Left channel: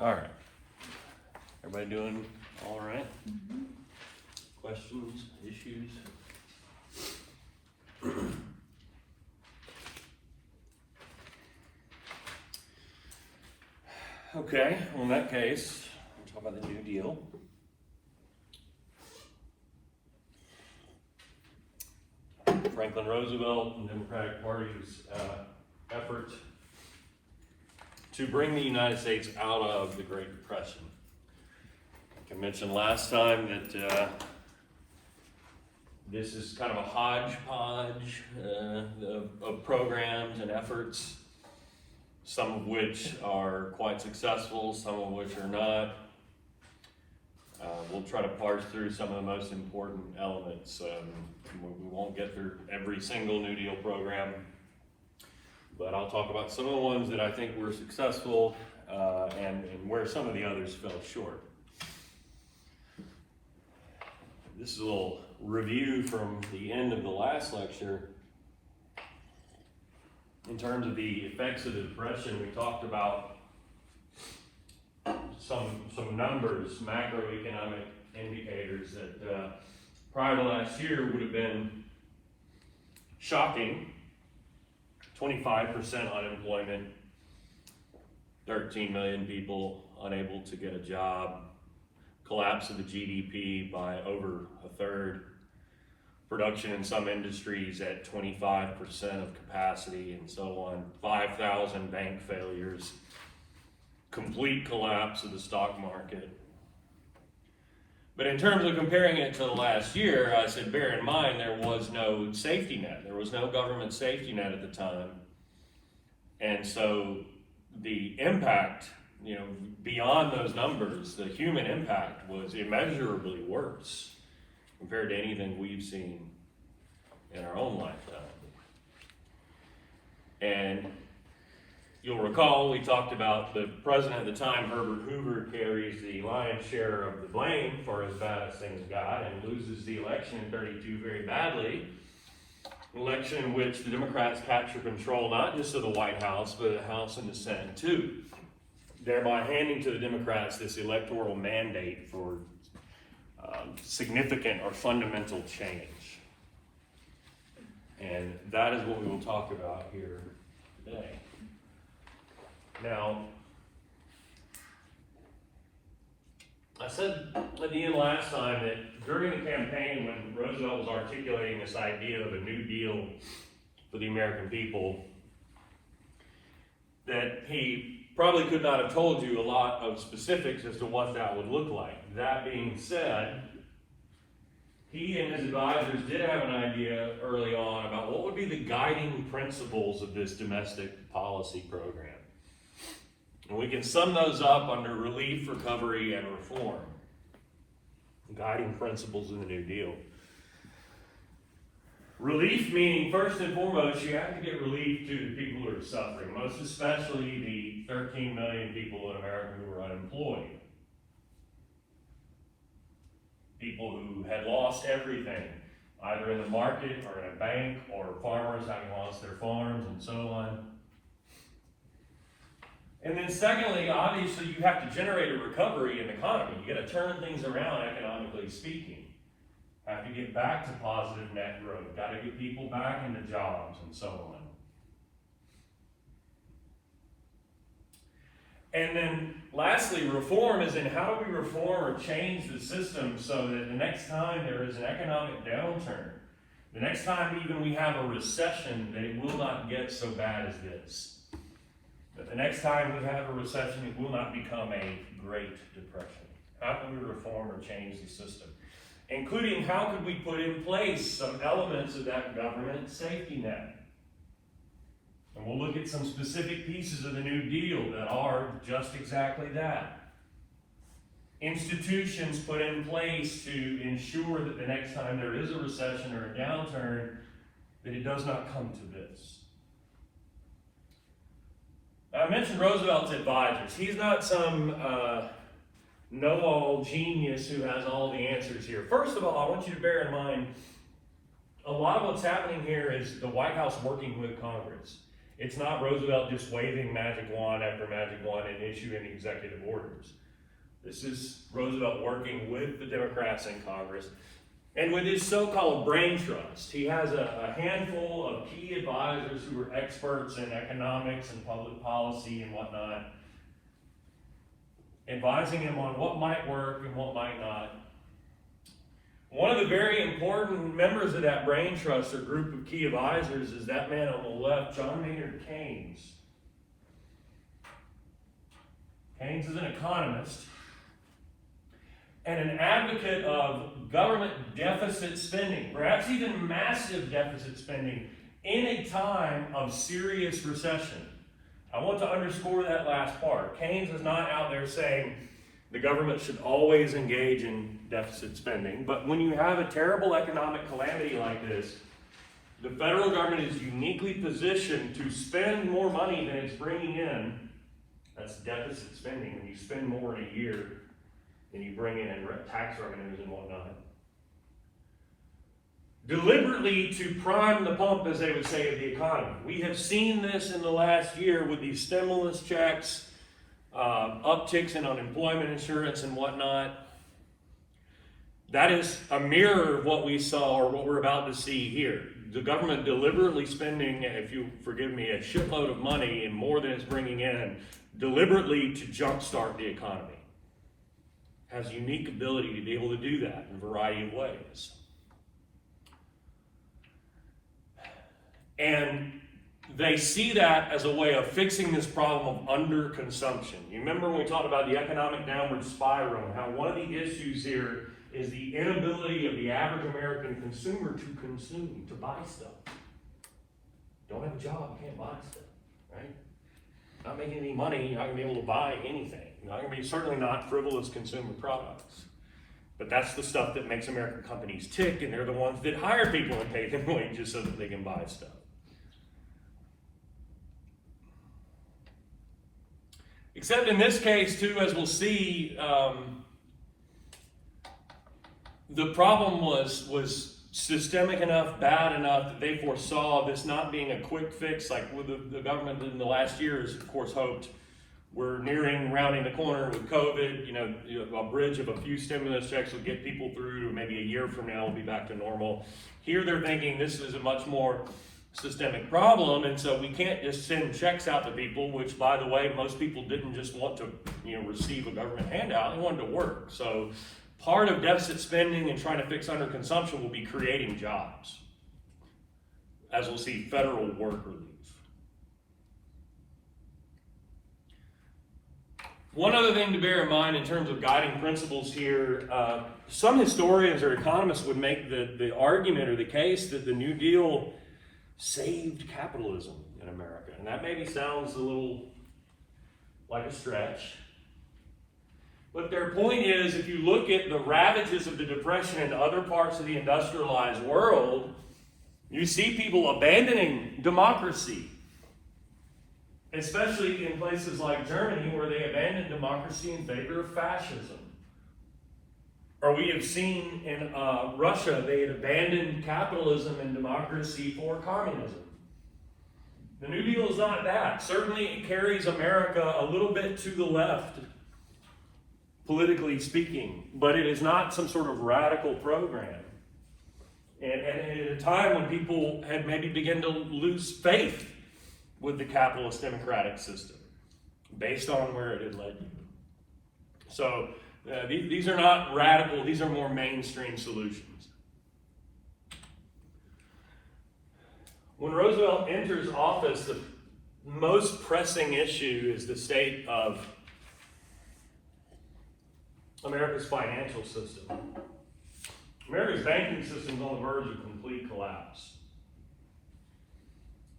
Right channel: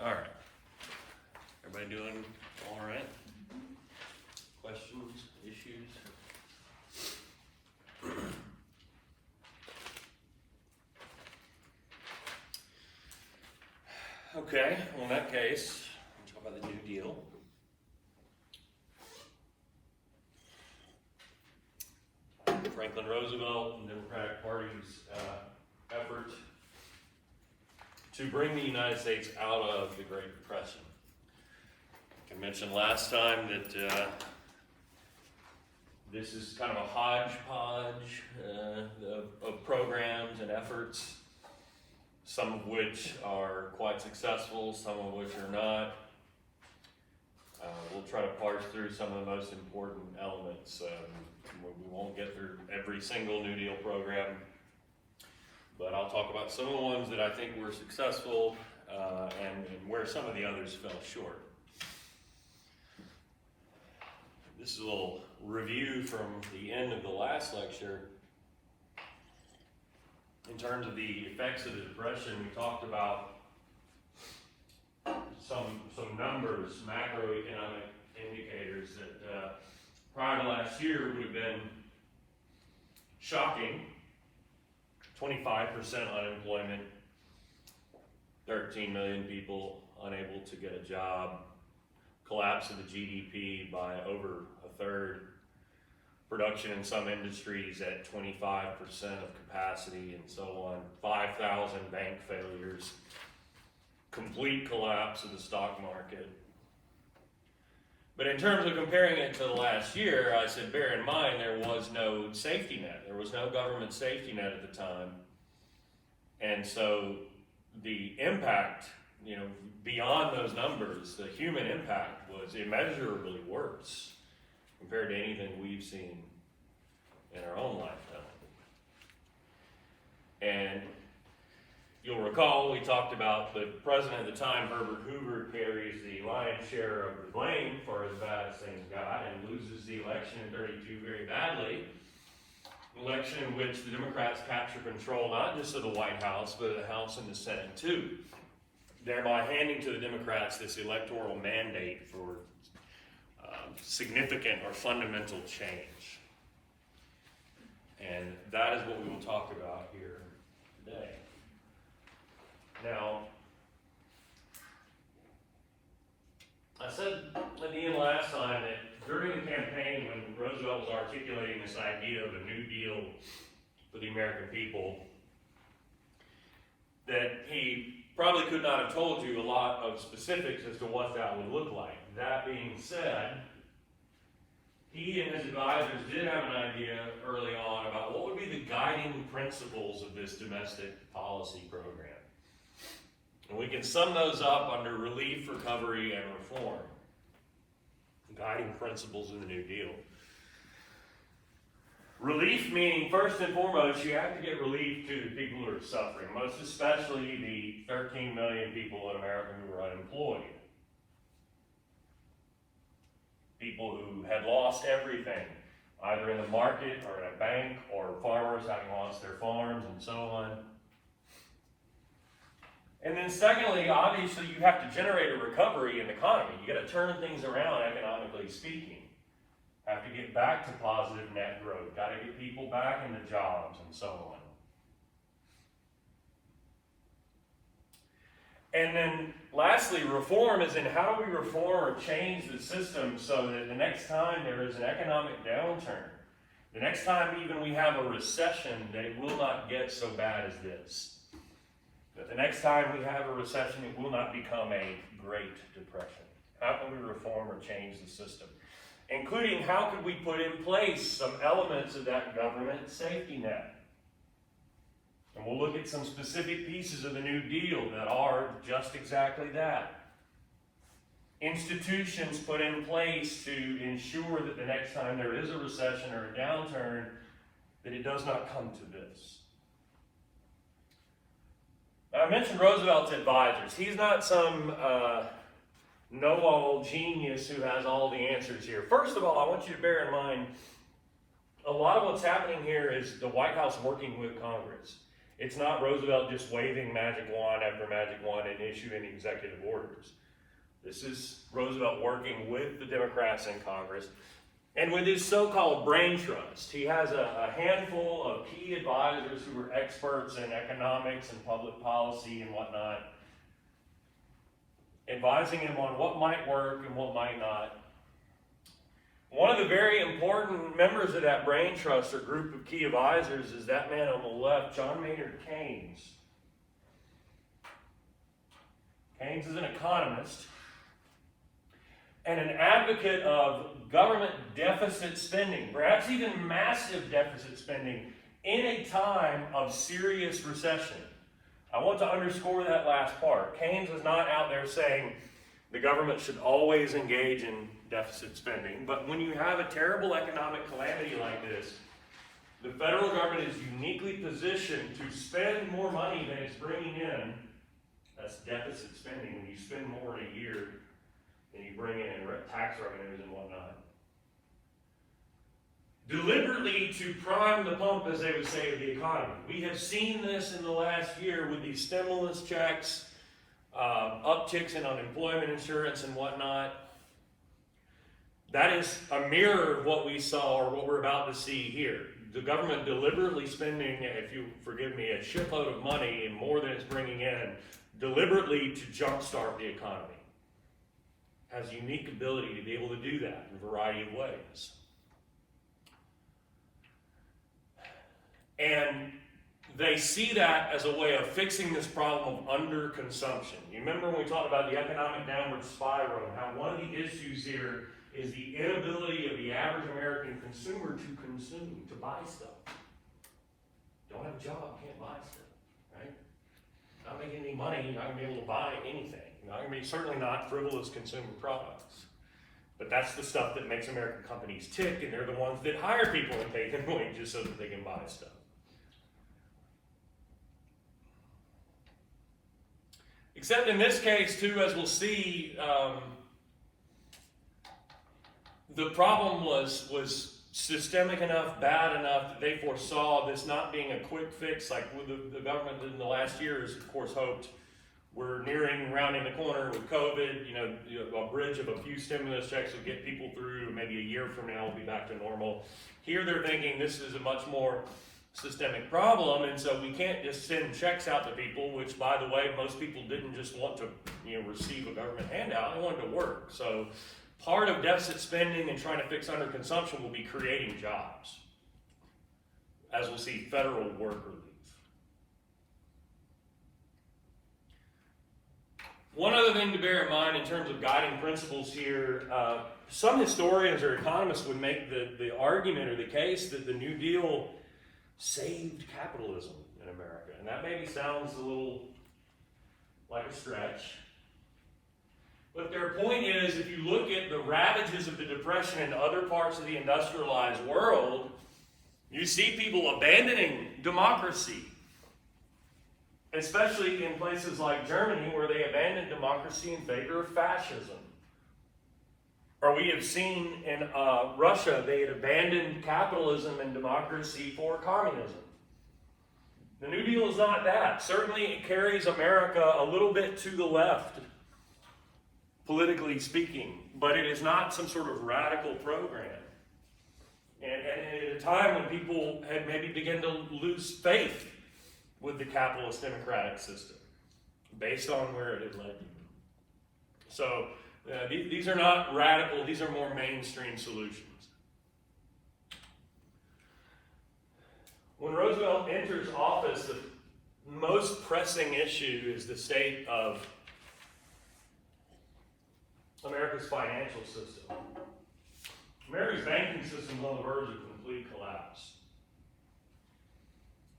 All right. Everybody doing all right? Questions, issues? Okay, well, in that case, we'll talk about the New Deal. Franklin Roosevelt and the Democratic Party's effort to bring the United States out of the Great Depression. Like I mentioned last time that this is kind of a hodgepodge of programs and efforts, some of which are quite successful, some of which are not. We'll try to parse through some of the most important elements. We won't get through every single New Deal program, but I'll talk about some of the ones that I think were successful and where some of the others fell short. This is a little review from the end of the last lecture. In terms of the effects of the Depression, we talked about some numbers, macroeconomic indicators that prior to last year would have been shocking. 25% unemployment, 13 million people unable to get a job, collapse of the GDP by over a third, production in some industries at 25% of capacity and so on, 5,000 bank failures, complete collapse of the stock market. But in terms of comparing it to the last year, I said bear in mind there was no safety net. There was no government safety net at the time. And so the impact, beyond those numbers, the human impact was immeasurably worse compared to anything we've seen in our own lifetime. And you'll recall we talked about the president at the time, Herbert Hoover, carries the lion's share of the blame for as bad as things got and loses the election in 32 very badly. An election in which the Democrats capture control not just of the White House, but of the House and the Senate too, thereby handing to the Democrats this electoral mandate for significant or fundamental change. And that is what we will talk about here today. Now, I said at the end last time that during the campaign when Roosevelt was articulating this idea of a New Deal for the American people, that he probably could not have told you a lot of specifics as to what that would look like. That being said, he and his advisors did have an idea early on about what would be the guiding principles of this domestic policy program. And we can sum those up under relief, recovery, and reform. The guiding principles of the New Deal. Relief meaning, first and foremost, you have to get relief to the people who are suffering, most especially the 13 million people in America who are unemployed. People who had lost everything, either in the market or in a bank, or farmers having lost their farms and so on. And then secondly, obviously you have to generate a recovery in the economy. You got to turn things around economically speaking. Have to get back to positive net growth. Got to get people back into jobs and so on. And then lastly, reform is in how do we reform or change the system so that the next time there is an economic downturn, the next time even we have a recession, that it will not get so bad as this. That the next time we have a recession, it will not become a Great Depression. How can we reform or change the system? Including how could we put in place some elements of that government safety net? And we'll look at some specific pieces of the New Deal that are just exactly that. Institutions put in place to ensure that the next time there is a recession or a downturn, that it does not come to this. I mentioned Roosevelt's advisors. He's not some know-all genius who has all the answers here. First of all, I want you to bear in mind, a lot of what's happening here is the White House working with Congress. It's not Roosevelt just waving magic wand after magic wand and issuing executive orders. This is Roosevelt working with the Democrats in Congress and with his so-called brain trust. He has a handful of key advisors who are experts in economics and public policy and whatnot, advising him on what might work and what might not. One of the very important members of that brain trust or group of key advisors is that man on the left, John Maynard Keynes. Keynes is an economist and an advocate of government deficit spending, perhaps even massive deficit spending, in a time of serious recession. I want to underscore that last part. Keynes is not out there saying the government should always engage in deficit spending, but when you have a terrible economic calamity like this, the federal government is uniquely positioned to spend more money than it's bringing in. That's deficit spending. When you spend more in a year than you bring in tax revenues and whatnot. Deliberately to prime the pump, as they would say, of the economy. We have seen this in the last year with these stimulus checks, upticks in unemployment insurance and whatnot. That is a mirror of what we saw or what we're about to see here. The government deliberately spending, if you forgive me, a shitload of money and more than it's bringing in, deliberately to jumpstart the economy. Has a unique ability to be able to do that in a variety of ways. And they see that as a way of fixing this problem of underconsumption. You remember when we talked about the economic downward spiral, and how one of the issues here is the inability of the average American consumer to consume, to buy stuff. Don't have a job, can't buy stuff, right? Not making any money, you're not going to be able to buy anything. You're not going to be, certainly not frivolous consumer products. But that's the stuff that makes American companies tick, and they're the ones that hire people and pay them wages so that they can buy stuff. Except in this case, too, as we'll see, the problem was systemic enough, bad enough that they foresaw this not being a quick fix like with the government in the last years, of course, hoped. We're rounding the corner with COVID, a bridge of a few stimulus checks will get people through, maybe a year from now we'll be back to normal. Here they're thinking this is a much more systemic problem, and so we can't just send checks out to people, which, by the way, most people didn't just want to receive a government handout, they wanted to work. So part of deficit spending and trying to fix underconsumption will be creating jobs, as we'll see federal work relief. One other thing to bear in mind in terms of guiding principles here, some historians or economists would make the argument or the case that the New Deal saved capitalism in America. And that maybe sounds a little like a stretch. But their point is, if you look at the ravages of the Depression in other parts of the industrialized world, you see people abandoning democracy. Especially in places like Germany, where they abandoned democracy in favor of fascism. Or we have seen in Russia, they had abandoned capitalism and democracy for communism. The New Deal is not that. Certainly it carries America a little bit to the left, politically speaking, but it is not some sort of radical program. And at a time when people had maybe begun to lose faith with the capitalist democratic system, based on where it had led you. So these are not radical, these are more mainstream solutions. When Roosevelt enters office, the most pressing issue is the state of America's financial system. America's banking system is on the verge of complete collapse.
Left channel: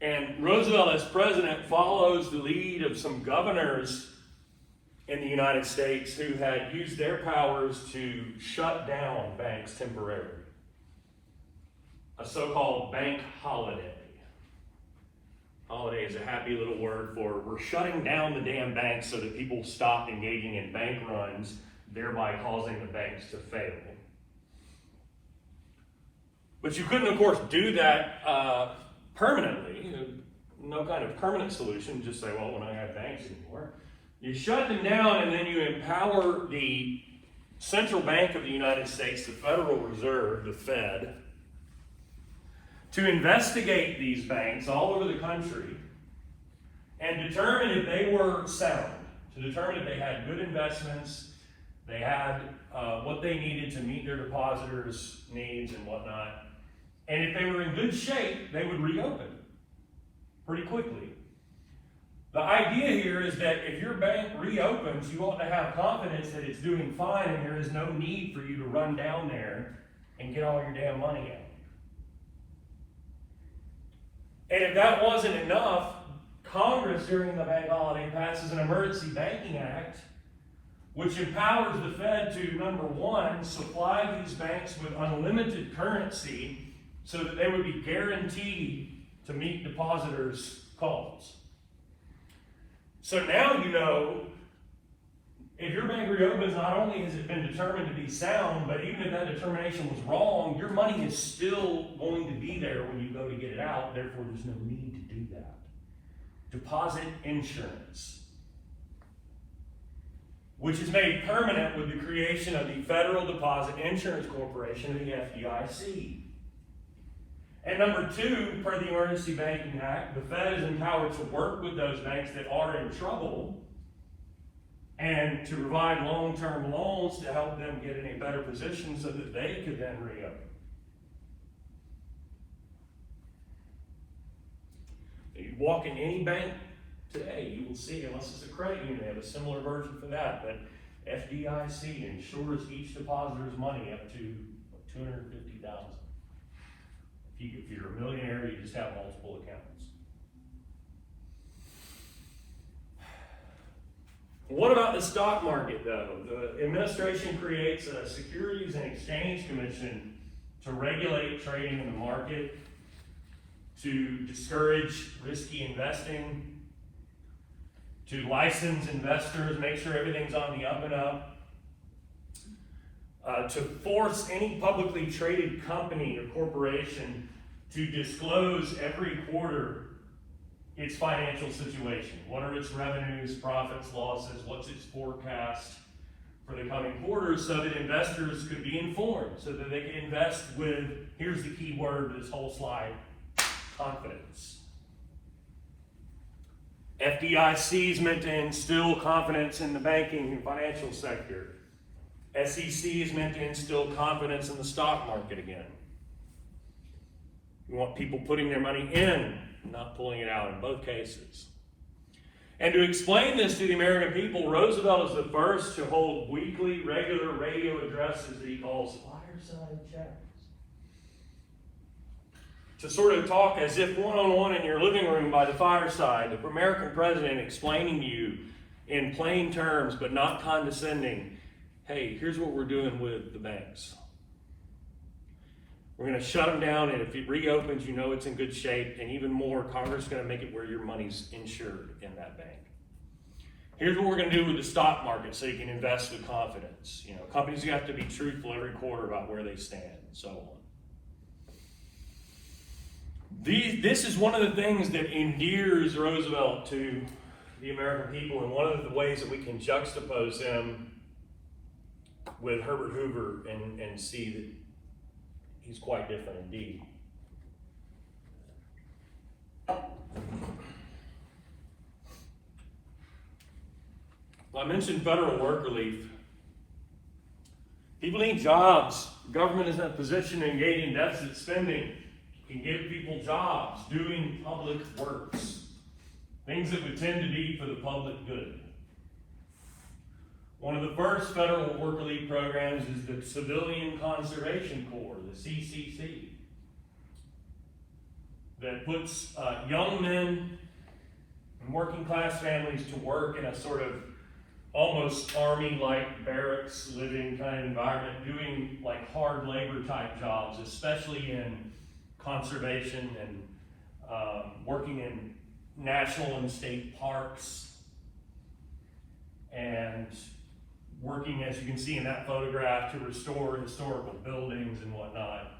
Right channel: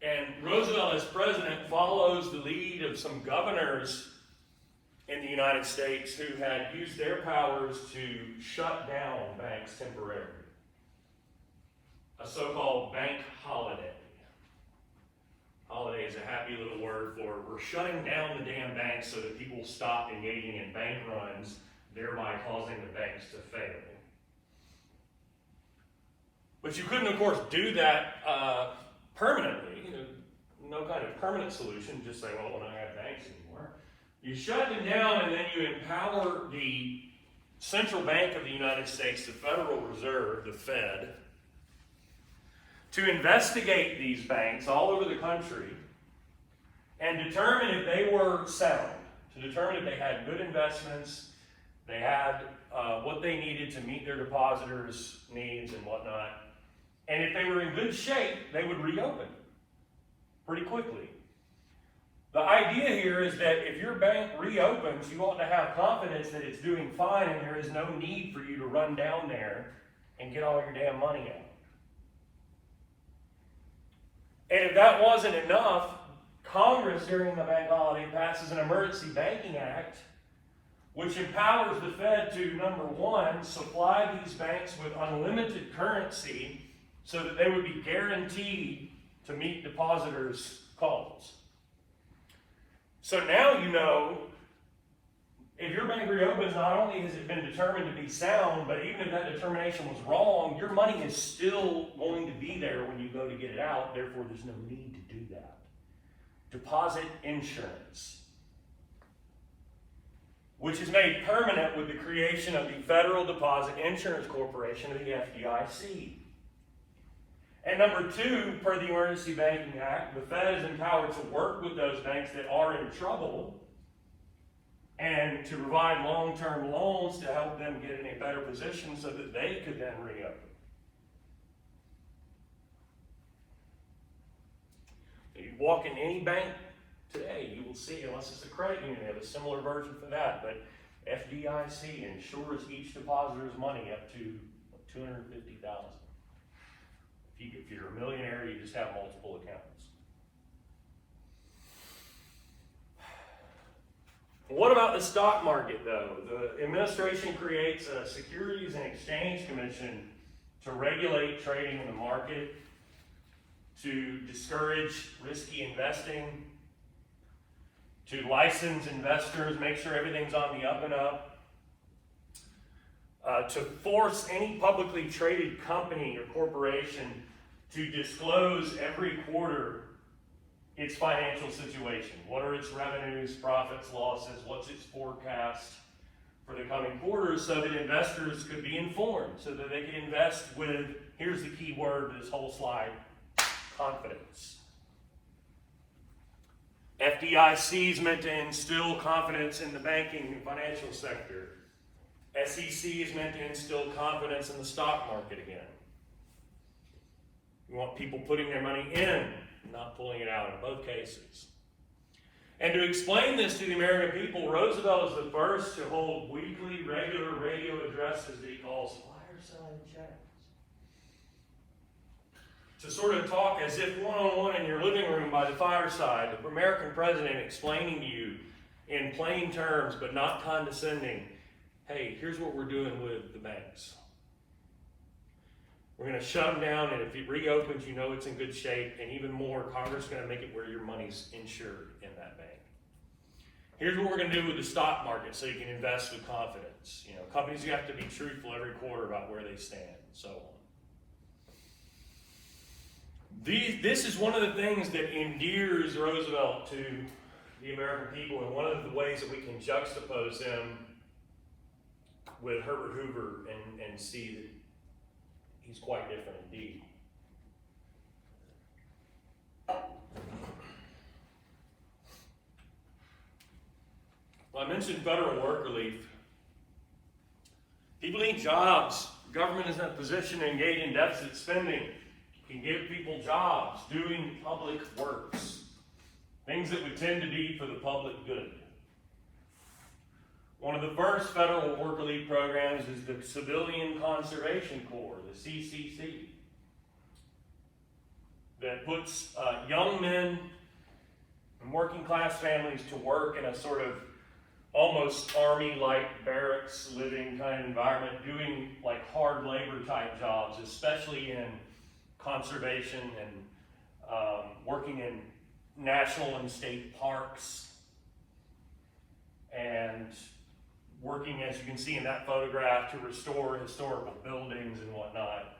And Roosevelt, as president, follows the lead of some governors in the United States who had used their powers to shut down banks temporarily. A so-called bank holiday. Holiday is a happy little word for we're shutting down the damn banks so that people stop engaging in bank runs, thereby causing the banks to fail. But you couldn't, of course, do that permanently. no kind of permanent solution, just say, well, we're not going to have banks anymore. You shut them down and then you empower the Central Bank of the United States, the Federal Reserve, the Fed, to investigate these banks all over the country and determine if they were sound, to determine if they had good investments, they had what they needed to meet their depositors' needs and whatnot. And if they were in good shape, they would reopen pretty quickly. The idea here is that if your bank reopens, you ought to have confidence that it's doing fine and there is no need for you to run down there and get all your damn money out. And if that wasn't enough, Congress during the bank holiday passes an Emergency Banking Act, which empowers the Fed to, number one, supply these banks with unlimited currency so that they would be guaranteed to meet depositors' calls. So now you know, if your bank reopens, not only has it been determined to be sound, but even if that determination was wrong, your money is still going to be there when you go to get it out. Therefore, there's no need to do that. Deposit insurance, which is made permanent with the creation of the Federal Deposit Insurance Corporation, or the FDIC. And number two, per the Emergency Banking Act, the Fed is empowered to work with those banks that are in trouble and to provide long-term loans to help them get in a better position so that they could then reopen. You walk in any bank today, you will see, unless it's a credit union, they have a similar version for that, but FDIC insures each depositor's money up to $250,000. If you're a millionaire, you just have multiple accountants. What about the stock market, though? The administration creates a Securities and Exchange Commission to regulate trading in the market, to discourage risky investing, to license investors, make sure everything's on the up and up, to force any publicly traded company or corporation to disclose every quarter its financial situation. What are its revenues, profits, losses, what's its forecast for the coming quarters, so that investors could be informed, so that they can invest with, here's the key word of this whole slide, confidence. FDIC is meant to instill confidence in the banking and financial sector. SEC is meant to instill confidence in the stock market again. We want people putting their money in, not pulling it out in both cases. And to explain this to the American people, Roosevelt is the first to hold weekly, regular radio addresses that he calls fireside chats. To sort of talk as if one-on-one in your living room by the fireside, the American president explaining to you in plain terms, but not condescending, hey, here's what we're doing with the banks. We're going to shut them down, and if it reopens, you know it's in good shape, and even more, Congress is going to make it where your money's insured in that bank. Here's what we're going to do with the stock market so you can invest with confidence. You know, companies have to be truthful every quarter about where they stand, and so on. This is one of the things that endears Roosevelt to the American people, and one of the ways that we can juxtapose him with Herbert Hoover and see that he's quite different indeed. Well, I mentioned federal work relief. People need jobs. The government is in a position to engage in deficit spending. Can give people jobs doing public works, things that would tend to be for the public good. One of the first federal work relief programs is the Civilian Conservation Corps, the CCC, that puts young men and working class families to work in a sort of almost army-like barracks living kind of environment, doing like hard labor type jobs, especially in conservation and working in national and state parks, and working, as you can see in that photograph, to restore historical buildings and whatnot.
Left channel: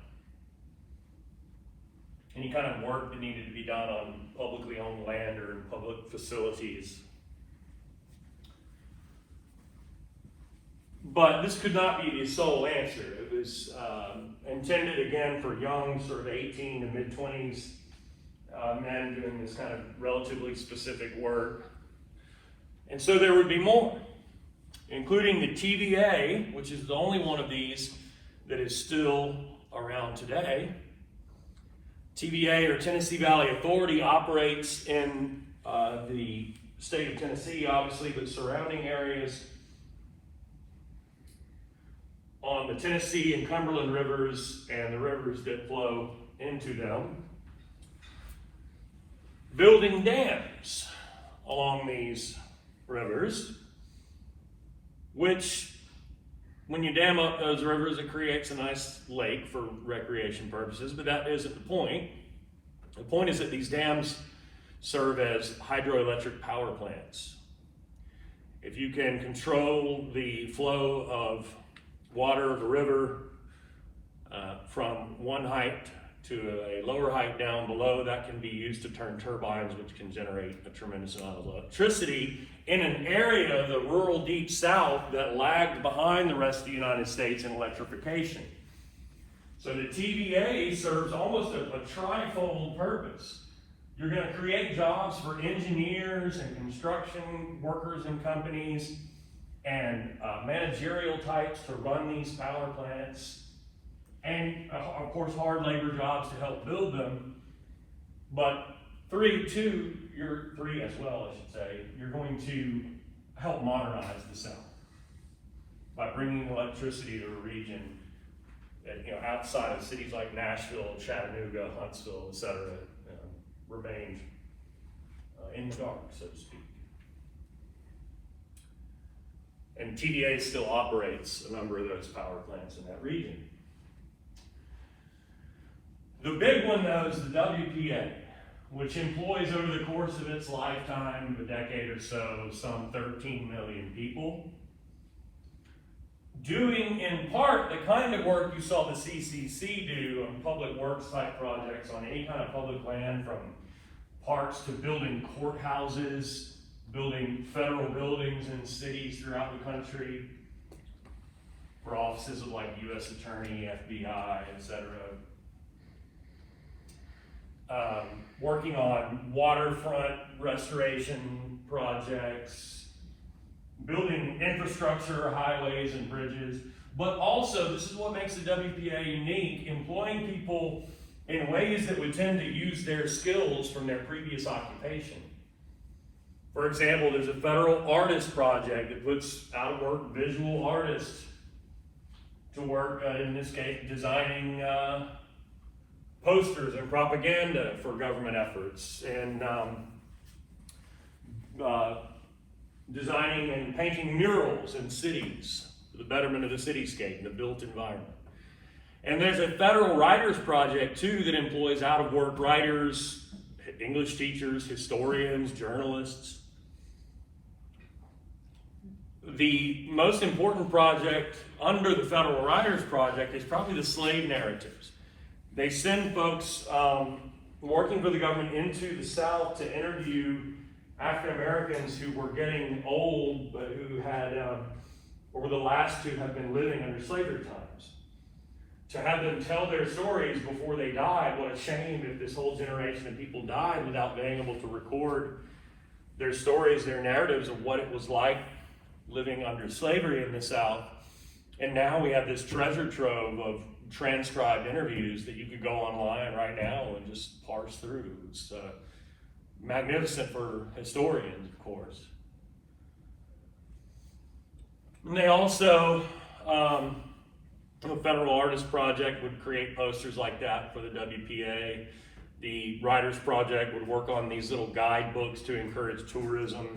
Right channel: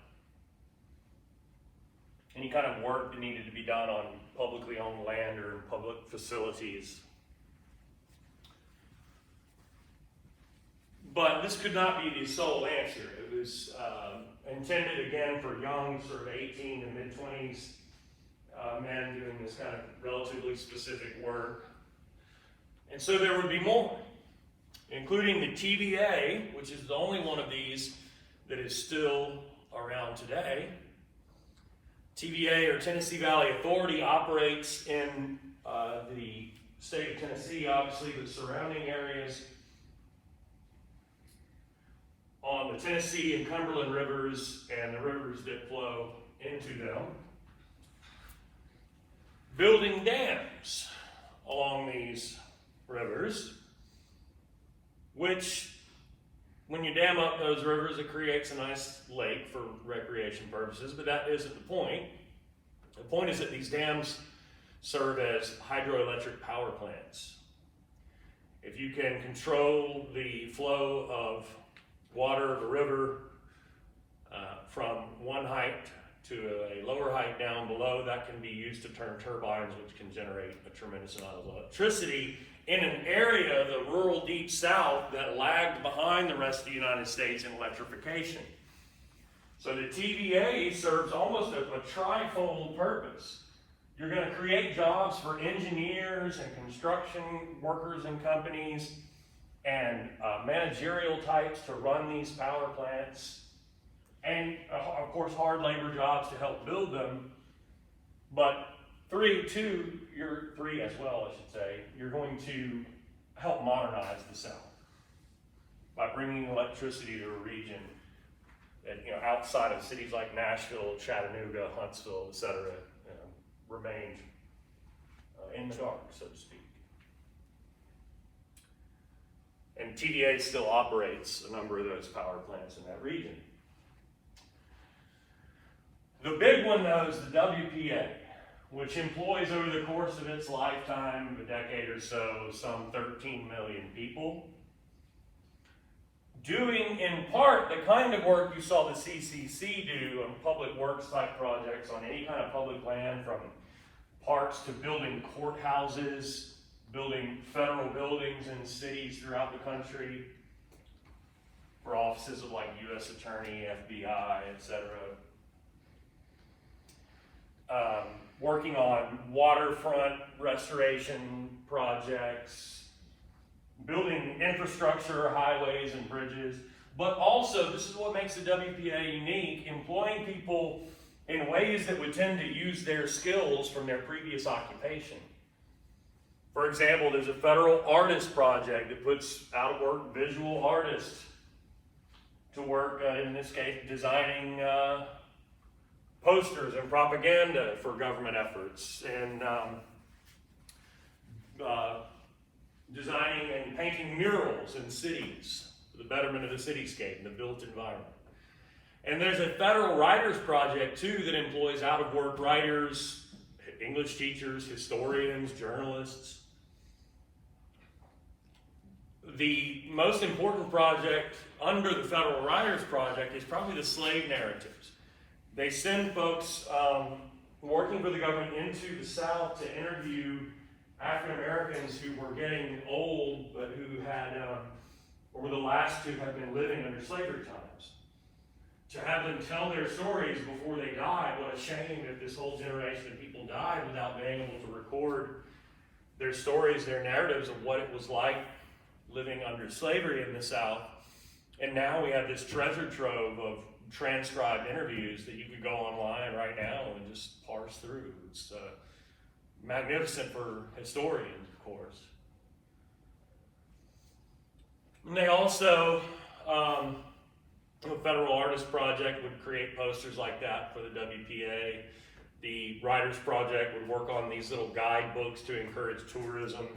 any kind of work that needed to be done on publicly owned land or in public facilities. But this could not be the sole answer. It was intended again for young, sort of 18 to mid-20s men doing this kind of relatively specific work. And so there would be more, including the TVA, which is the only one of these that is still around today. TVA, or Tennessee Valley Authority, operates in the state of Tennessee, obviously, but surrounding areas on the Tennessee and Cumberland rivers and the rivers that flow into them, building dams along these rivers, which, when you dam up those rivers, it creates a nice lake for recreation purposes, but that isn't the point. The point is that these dams serve as hydroelectric power plants. If you can control the flow of water of a river from one height to a lower height down below, that can be used to turn turbines, which can generate a tremendous amount of electricity in an area of the rural deep south that lagged behind the rest of the United States in electrification. So the TVA serves almost a trifold purpose. You're going to create jobs for engineers and construction workers and companies and managerial types to run these power plants, and of course hard labor jobs to help build them. But three as well, I should say, you're going to help modernize the South by bringing electricity to a region that, outside of cities like Nashville, Chattanooga, Huntsville, etc., remained in the dark, so to speak. And TVA still operates a number of those power plants in that region. The big one, though, is the WPA, which employs over the course of its lifetime, a decade or so, some 13 million people, doing in part the kind of work you saw the CCC do on public works type projects on any kind of public land, from parks to building courthouses, building federal buildings in cities throughout the country for offices of like U.S. Attorney, FBI, etc. Working on waterfront restoration projects, building infrastructure, highways and bridges, but also, this is what makes the WPA unique, employing people in ways that would tend to use their skills from their previous occupation. For example, there's a federal artist project that puts out of work visual artists to work, in this case, designing posters and propaganda for government efforts, and designing and painting murals in cities for the betterment of the cityscape, the built environment. And there's a federal writers project too that employs out of work writers, English teachers, historians, journalists. The most important project under the Federal Writers Project is probably the slave narratives. They send folks working for the government into the South to interview African Americans who were getting old, but who had, or were the last to have been living under slavery times. To have them tell their stories before they died. What a shame if this whole generation of people died without being able to record their stories, their narratives of what it was like living under slavery in the South. And now we have this treasure trove of transcribed interviews that you could go online right now and just parse through. It's magnificent for historians, of course. And they also, the Federal Artist Project would create posters like that for the WPA. The Writers Project would work on these little guidebooks to encourage tourism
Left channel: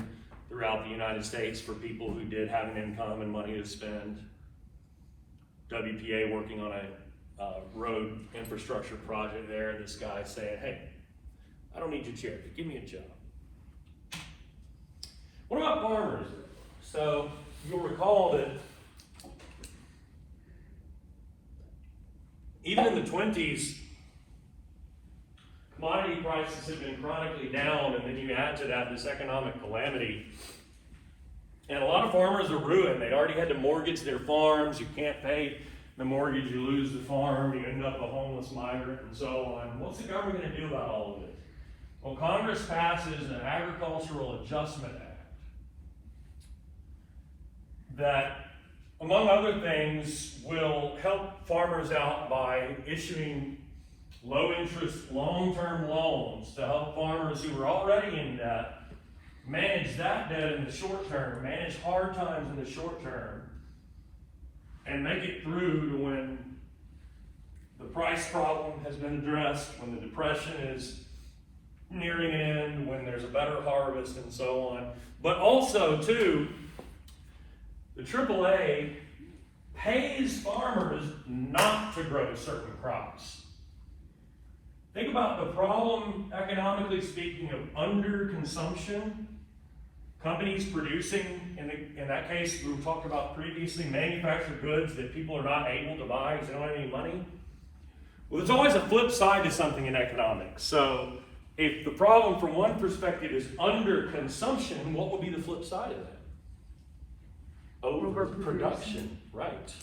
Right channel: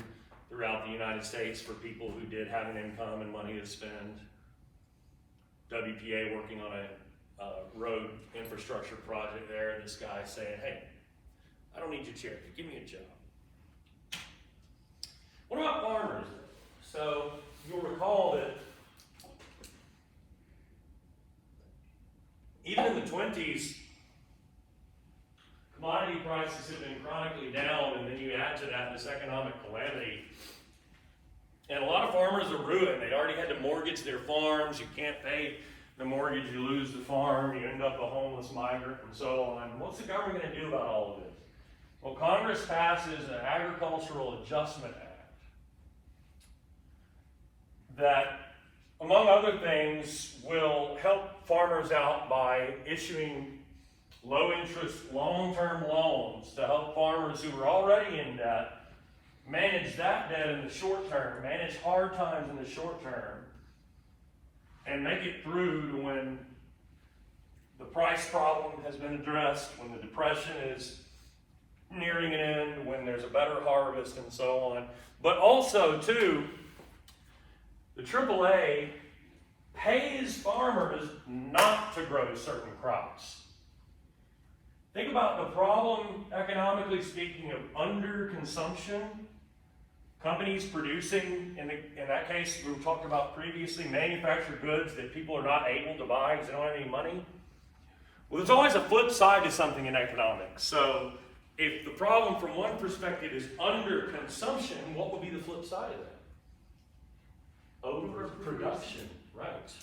throughout the United States for people who did have an income and money to spend. WPA working on a road infrastructure project there, this guy saying, hey, I don't need your charity, give me a job. What about farmers? So you'll recall that even in the 20s, commodity prices have been chronically down, and then you add to that this economic calamity, and a lot of farmers are ruined. They already had to mortgage their farms. You can't pay the mortgage, you lose the farm, you end up a homeless migrant, and so on. What's the government going to do about all of this? Well, Congress passes an Agricultural Adjustment Act that, among other things, will help farmers out by issuing low-interest, long-term loans to help farmers who are already in debt manage that debt in the short term, manage hard times in the short term, and make it through to when the price problem has been addressed, when the depression is nearing an end, when there's a better harvest, and so on. But also, too, the AAA pays farmers not to grow certain crops. Think about the problem, economically speaking, of underconsumption. Companies producing, in that case, we talked about previously, manufactured goods that people are not able to buy because they don't have any money. Well, there's always a flip side to something in economics. So if the problem from one perspective is underconsumption, what would be the flip side of it? Overproduction, right.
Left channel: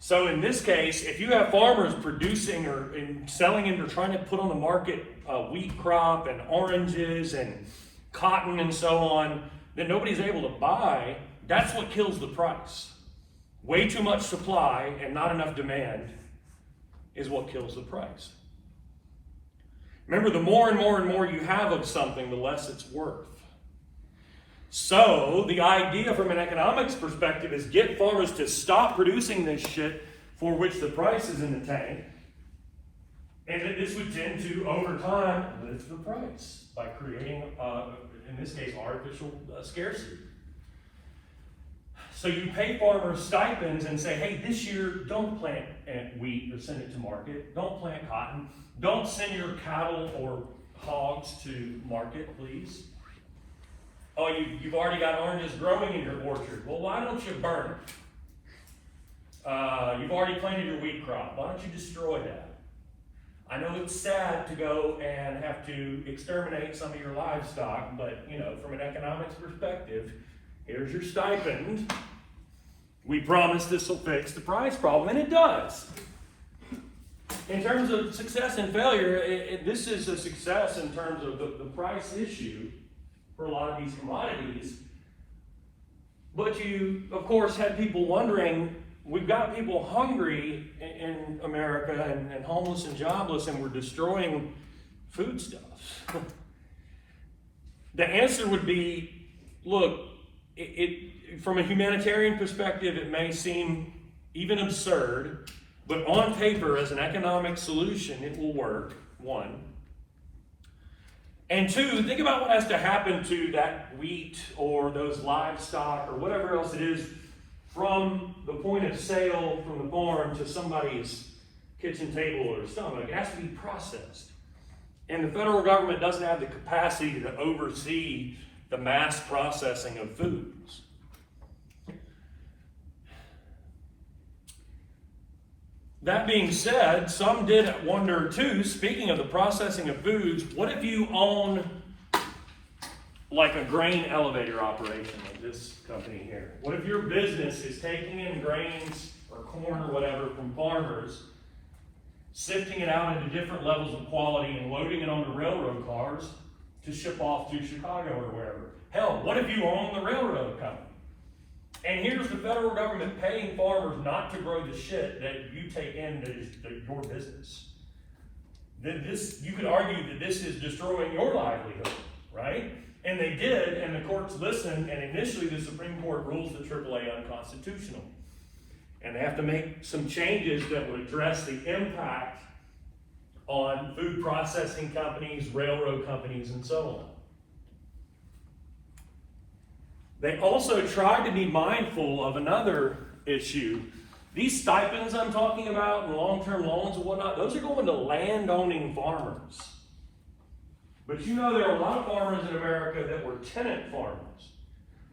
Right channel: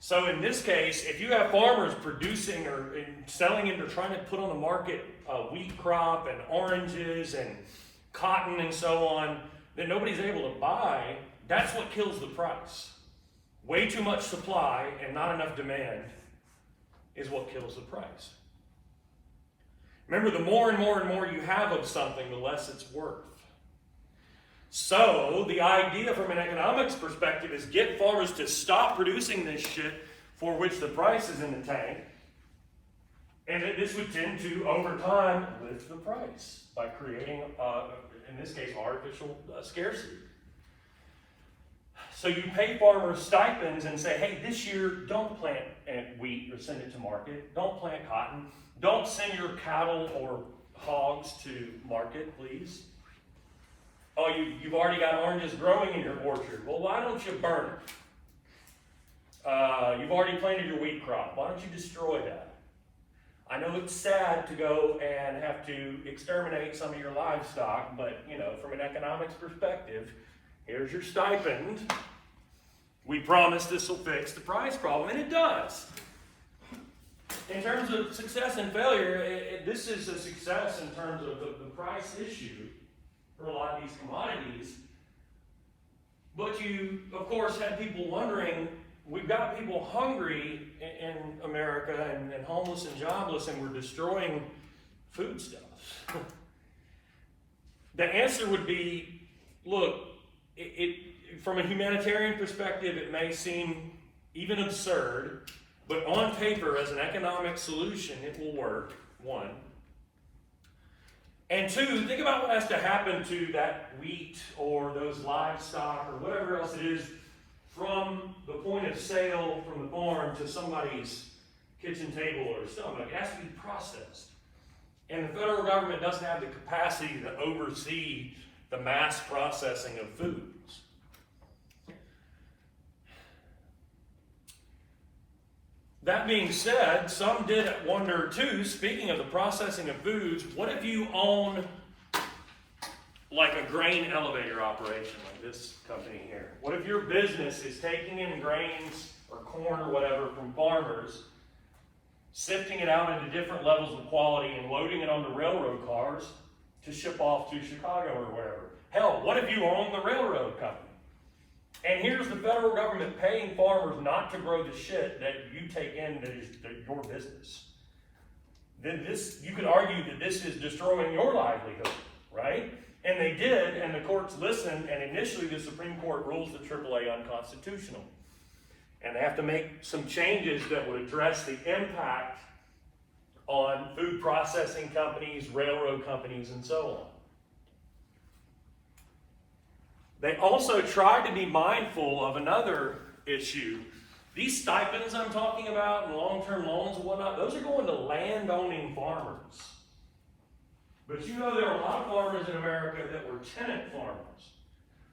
So in this case, if you have farmers producing or selling and trying to put on the market a wheat crop and oranges and cotton and so on that nobody's able to buy, that's what kills the price. Way too much supply and not enough demand is what kills the price. Remember, the more and more and more you have of something, the less it's worth. So the idea from an economics perspective is get farmers to stop producing this shit for which the price is in the tank, and that this would tend to, over time, lift the price by creating, in this case, artificial scarcity. So you pay farmers stipends and say, hey, this year, don't plant wheat or send it to market. Don't plant cotton. Don't send your cattle or hogs to market, please. Oh, you've already got oranges growing in your orchard. Well, why don't you burn it? You've already planted your wheat crop. Why don't you destroy that? I know it's sad to go and have to exterminate some of your livestock, but, from an economics perspective, here's your stipend. We promise this will fix the price problem, and it does. In terms of success and failure, this is a success in terms of the price issue for a lot of these commodities. But you, of course, had people wondering, we've got people hungry in America and homeless and jobless, and we're destroying foodstuffs. The answer would be, look, from a humanitarian perspective, it may seem even absurd, but on paper, as an economic solution, it will work, one. And two, think about what has to happen to that wheat or those livestock or whatever else it is from the point of sale from the farm to somebody's kitchen table or stomach. It has to be processed. And the federal government doesn't have the capacity to oversee the mass processing of foods. That being said, some did wonder too, speaking of the processing of foods, what if you own like a grain elevator operation like this company here? What if your business is taking in grains or corn or whatever from farmers, sifting it out into different levels of quality and loading it onto railroad cars to ship off to Chicago or wherever? Hell, what if you own the railroad company? And here's the federal government paying farmers not to grow the shit that you take into your business. You could argue that this is destroying your livelihood, right? And they did, and the courts listened, and initially the Supreme Court rules the AAA unconstitutional. And they have to make some changes that would address the impact on food processing companies, railroad companies, and so on. They also tried to be mindful of another issue. These stipends I'm talking about and long-term loans and whatnot, those are going to land-owning farmers. But there are a lot of farmers in America that were tenant farmers,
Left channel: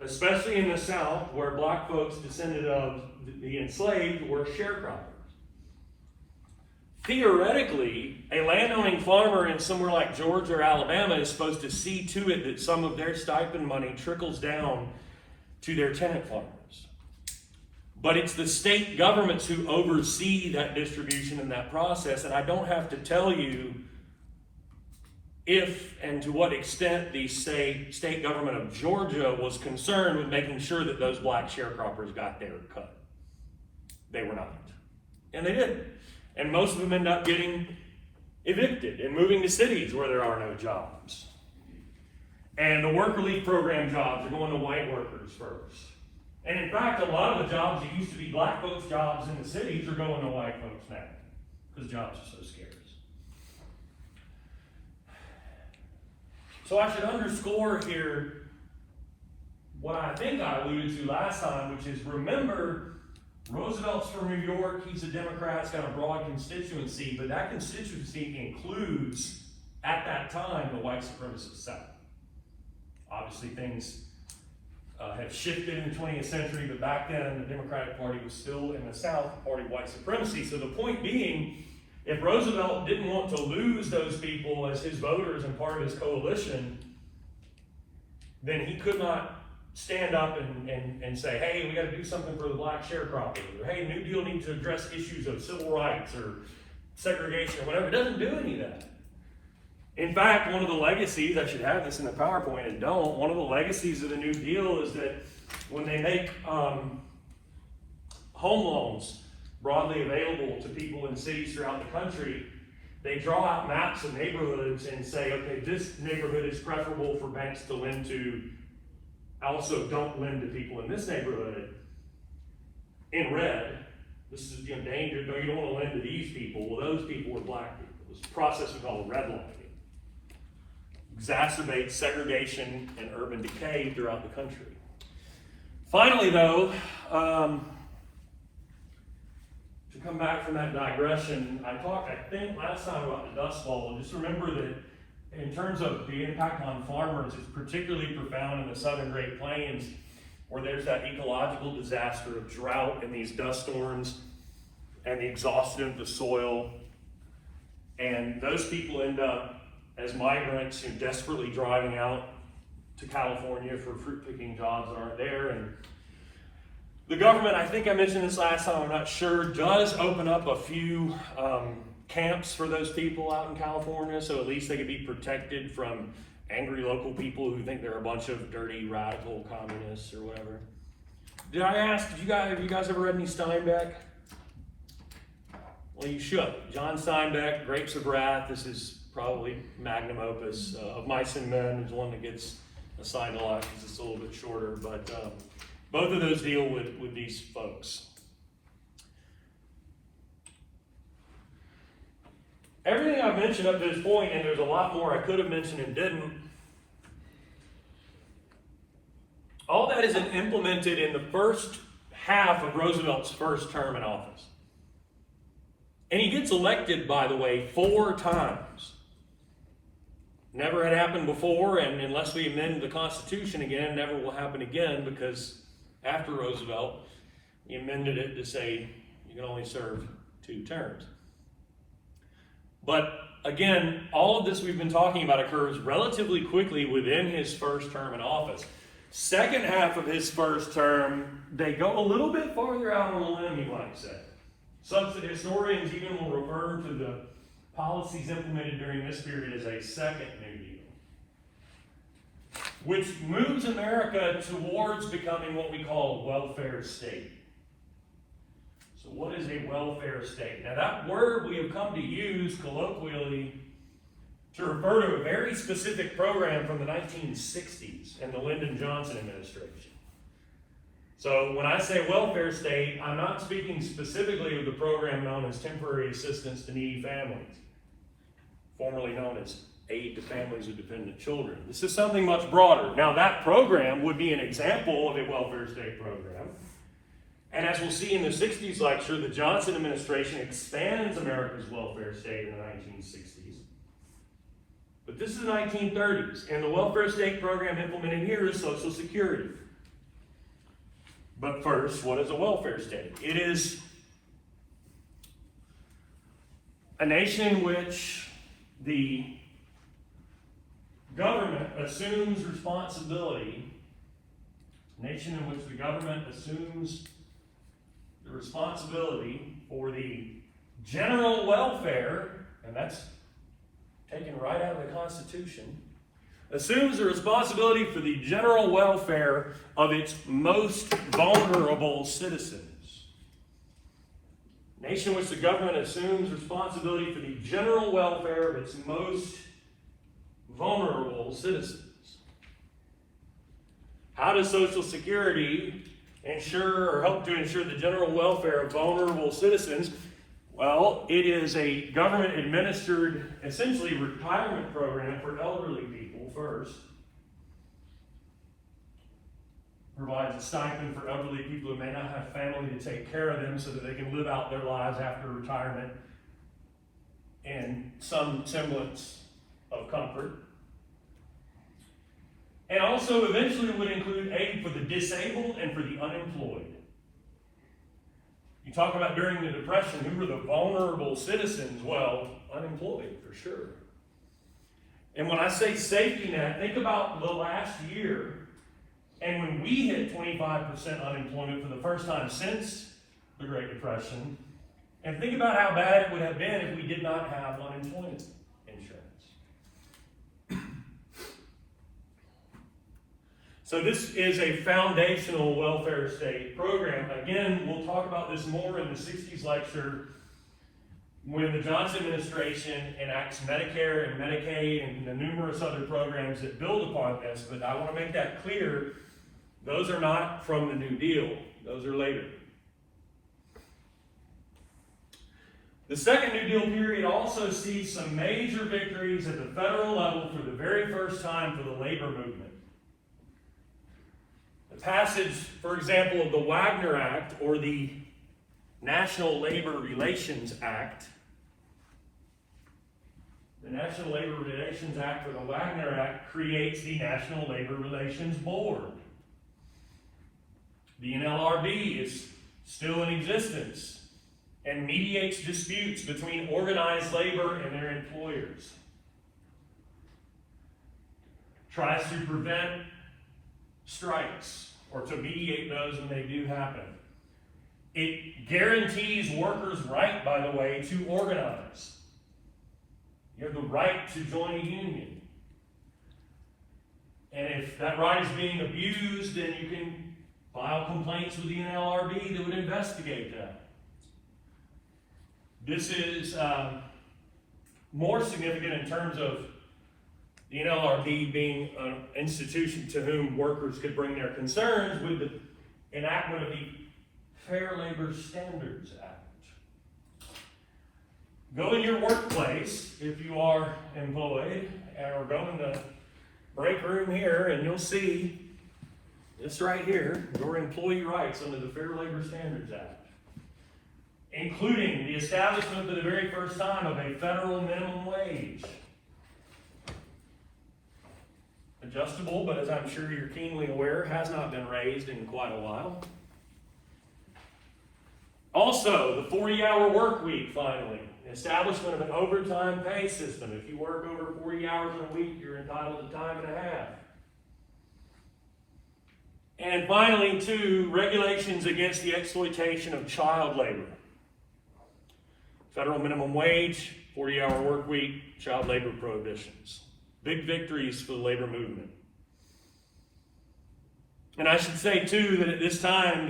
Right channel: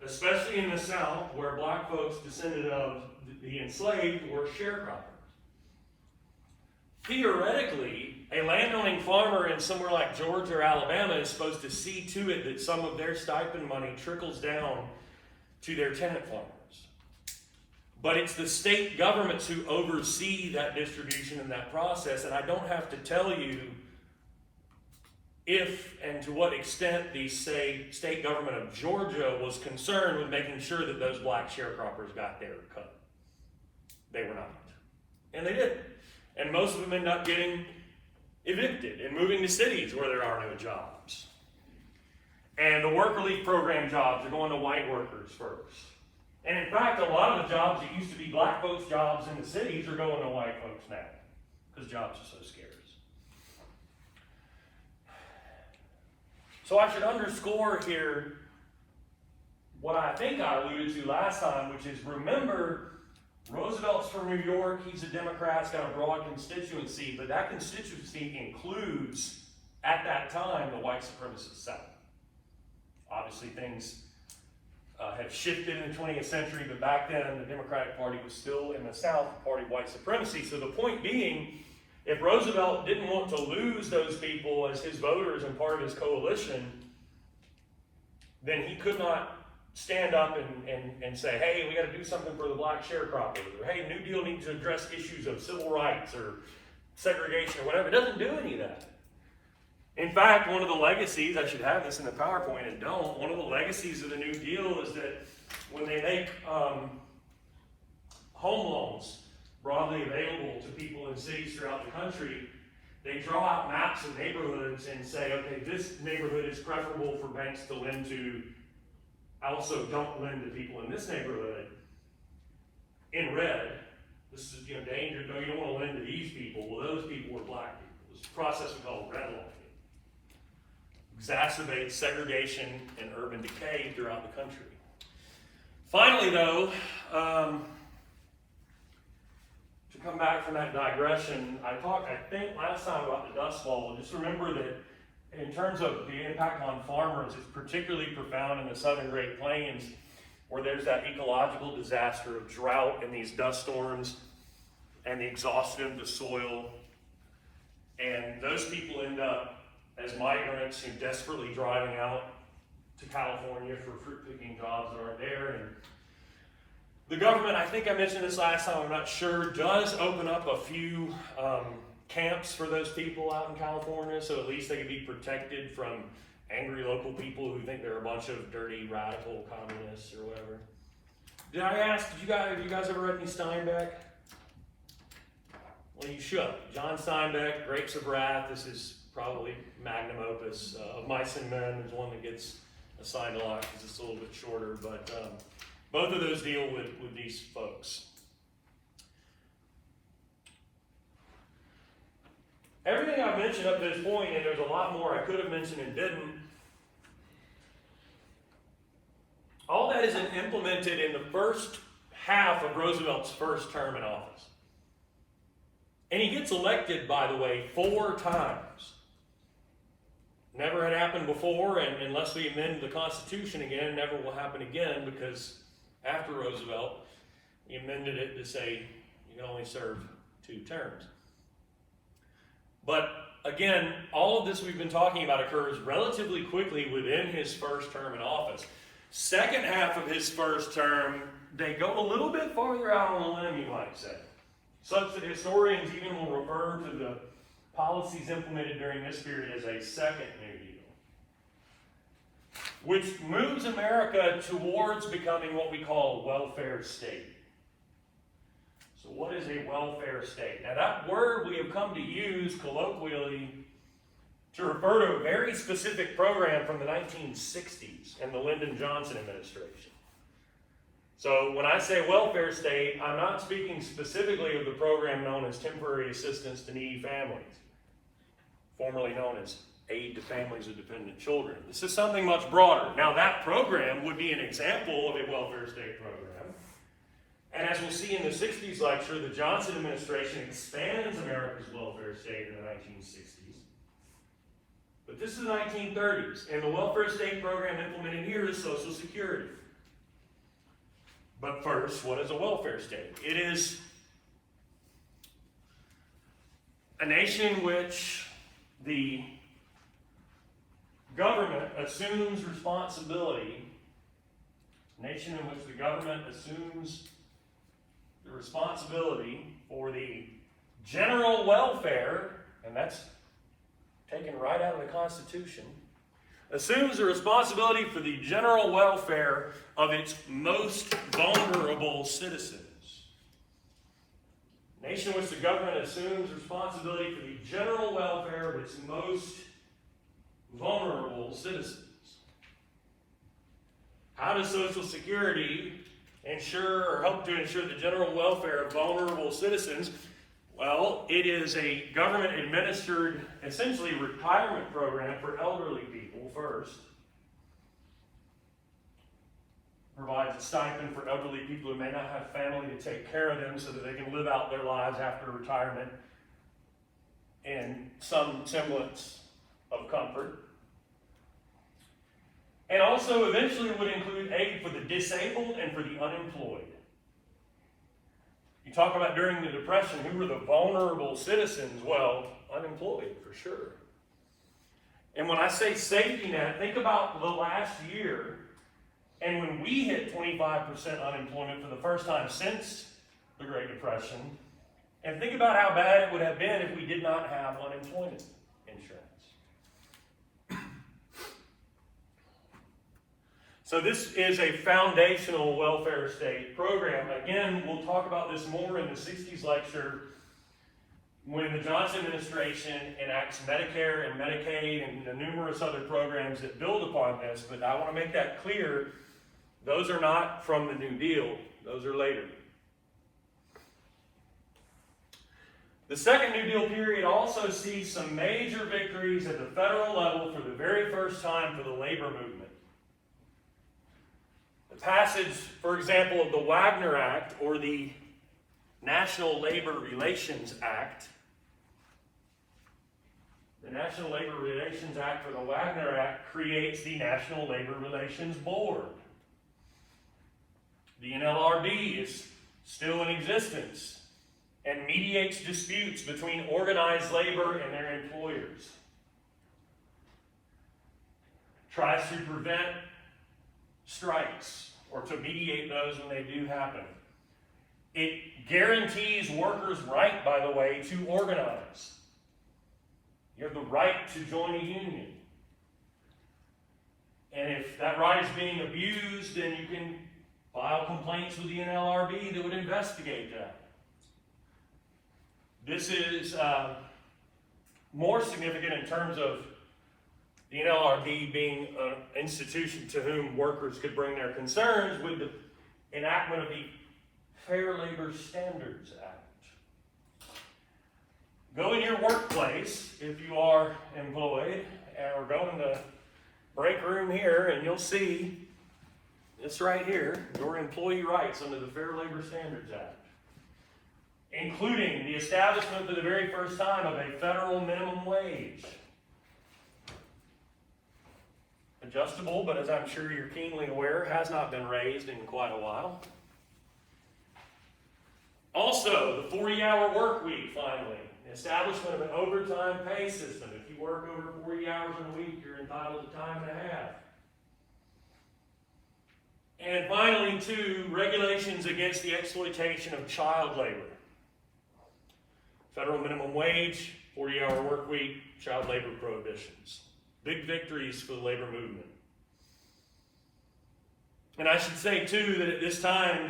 especially in the South, where black folks descended of the enslaved were sharecroppers. theoretically, a landowning farmer in somewhere like Georgia or Alabama is supposed to see to it that some of their stipend money trickles down to their tenant farmers. But it's the state governments who oversee that distribution and that process, and I don't have to tell you if and to what extent the state government of Georgia was concerned with making sure that those black sharecroppers got their cut. They were not. And they didn't. And most of them end up getting evicted and moving to cities where there are no jobs. And the work relief program jobs are going to white workers first. And in fact, a lot of the jobs that used to be black folks' jobs in the cities are going to white folks now, because jobs are so scarce. So I should underscore here what I think I alluded to last time, which is, remember, Roosevelt's from New York, he's a Democrat, he's got a broad constituency, but that constituency includes, at that time, the white supremacist South. Obviously things have shifted in the 20th century, but back then the Democratic Party was still in the South, the party of white supremacy. So the point being, if Roosevelt didn't want to lose those people as his voters and part of his coalition, then he could not stand up and say, hey, we got to do something for the black sharecroppers, or hey, New Deal needs to address issues of civil rights or segregation or whatever. It doesn't do any of that. In fact, one of the legacies, I should have this in the PowerPoint and don't, one of the legacies of the New Deal is that when they make home loans broadly available to people in cities throughout the country, they draw out maps of neighborhoods and say, okay, this neighborhood is preferable for banks to lend to. Also, don't lend to people in this neighborhood. In red, this is endangered, no, you don't want to lend to these people. Well, those people were black people. It's a process we call redlining. Exacerbates segregation and urban decay throughout the country. Finally, though, to come back from that digression, I talked, I think, last time about the Dust Bowl. Just remember that in terms of the impact on farmers, it's particularly profound in the southern Great Plains, where there's that ecological disaster of drought and these dust storms and the exhaustion of the soil. And those people end up as migrants who desperately driving out to California for fruit picking jobs that aren't there. And the government, I think I mentioned this last time, I'm not sure, does open up a few camps for those people out in California, so at least they can be protected from angry local people who think they're a bunch of dirty, radical communists or whatever. Did I ask, have you guys ever read any Steinbeck? Well, you should. John Steinbeck, Grapes of Wrath. This is probably magnum opus. Of Mice and Men is one that gets assigned a lot because it's a little bit shorter, but both of those deal with these folks. Everything I've mentioned up to this point, and there's a lot more I could have mentioned and didn't, all that is implemented in the first half of Roosevelt's first term in office. And he gets elected, by the way, 4 times. Never had happened before, and unless we amend the Constitution again, never will happen again, because after Roosevelt, he amended it to say you can only serve 2 terms. But again, all of this we've been talking about occurs relatively quickly within his first term in office. Second half of his first term, they go a little bit farther out on the limb, you might say. Such that historians even will refer to the policies implemented during this period as a second New Deal, which moves America towards becoming what we call a welfare state. So what is a welfare state? Now that word we have come to use colloquially to refer to a very specific program from the 1960s and the Lyndon Johnson administration. So when I say welfare state, I'm not speaking specifically of the program known as Temporary Assistance to Needy Families, formerly known as Aid to Families of Dependent Children. This is something much broader. Now that program would be an example of a welfare state program. And as we'll see in the 60s lecture, the Johnson administration expands America's welfare state in the 1960s. But this is the 1930s, and the welfare state program implemented here is Social Security. But first, what is a welfare state? It is A nation in which the government assumes responsibility, a nation in which the government assumes the responsibility for the general welfare, and that's taken right out of the Constitution, assumes the responsibility for the general welfare of its most vulnerable citizens. A nation in which the government assumes responsibility for the general welfare of its most vulnerable citizens. How does Social Security ensure or help to ensure the general welfare of vulnerable citizens? Well, it is a government-administered, essentially, retirement program for elderly people first. Provides a stipend for elderly people who may not have family to take care of them so that they can live out their lives after retirement in some semblance of comfort. And also eventually would include aid for the disabled and for the unemployed. You talk about during the Depression, who were the vulnerable citizens? Well, unemployed, for sure. And when I say safety net, think about the last year, and when we hit 25% unemployment for the first time since the Great Depression, and think about how bad it would have been if we did not have unemployment insurance. So this is a foundational welfare state program. Again, we'll talk about this more in the 60s lecture when the Johnson administration enacts Medicare and Medicaid and the numerous other programs that build upon this. But I want to make that clear. Those are not from the New Deal. Those are later. The second New Deal period also sees some major victories at the federal level for the very first time for the labor movement. Passage, for example, of the Wagner Act or the National Labor Relations Act. The National Labor Relations Act or the Wagner Act creates the National Labor Relations Board. The NLRB is still in existence and mediates disputes between organized labor and their employers. Tries to prevent strikes or to mediate those when they do happen. It guarantees workers' right, by the way, to organize. You have the right to join a union. And if that right is being abused, then you can file complaints with the NLRB that would investigate that. This is more significant in terms of the NLRB being an institution to whom workers could bring their concerns with the enactment of the Fair Labor Standards Act. Go in your workplace, if you are employed, or go in the break room here, and you'll see this right here, your employee rights under the Fair Labor Standards Act, including the establishment for the very first time of a federal minimum wage. Adjustable, but as I'm sure you're keenly aware, has not been raised in quite a while. Also, the 40-hour work week, finally. Establishment of an overtime pay system. If you work over 40 hours in a week, you're entitled to time and a half. And finally, two, regulations against the exploitation of child labor. Federal minimum wage, 40-hour work week, child labor prohibitions. Big victories for the labor movement. And I should say, too, that at this time,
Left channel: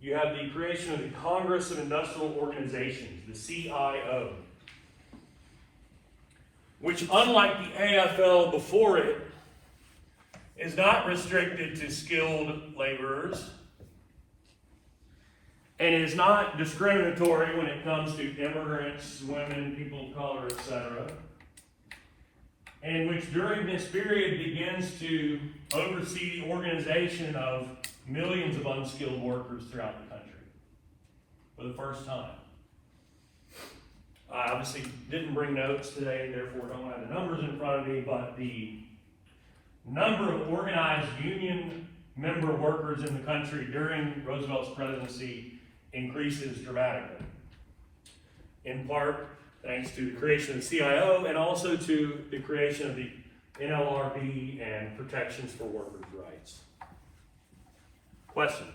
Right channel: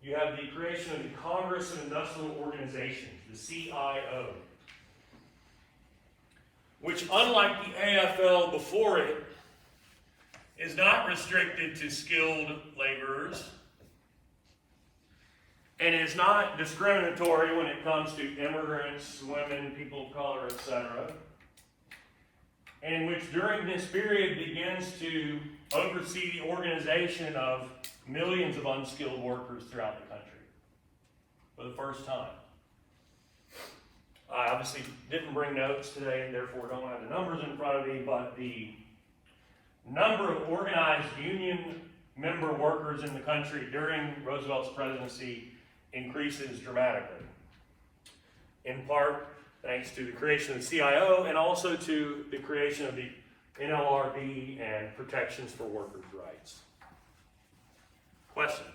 you have the creation of the Congress of Industrial Organizations, the CIO, which, unlike the AFL before it, is not restricted to skilled laborers, and is not discriminatory when it comes to immigrants, women, people of color, etc., and which during this period begins to oversee the organization of millions of unskilled workers throughout the country for the first time. I obviously didn't bring notes today, therefore don't have the numbers in front of me, but the number of organized union member workers in the country during Roosevelt's presidency increases dramatically. In part, thanks to the creation of the CIO and also to the creation of the NLRB and protections for workers' rights. Questions?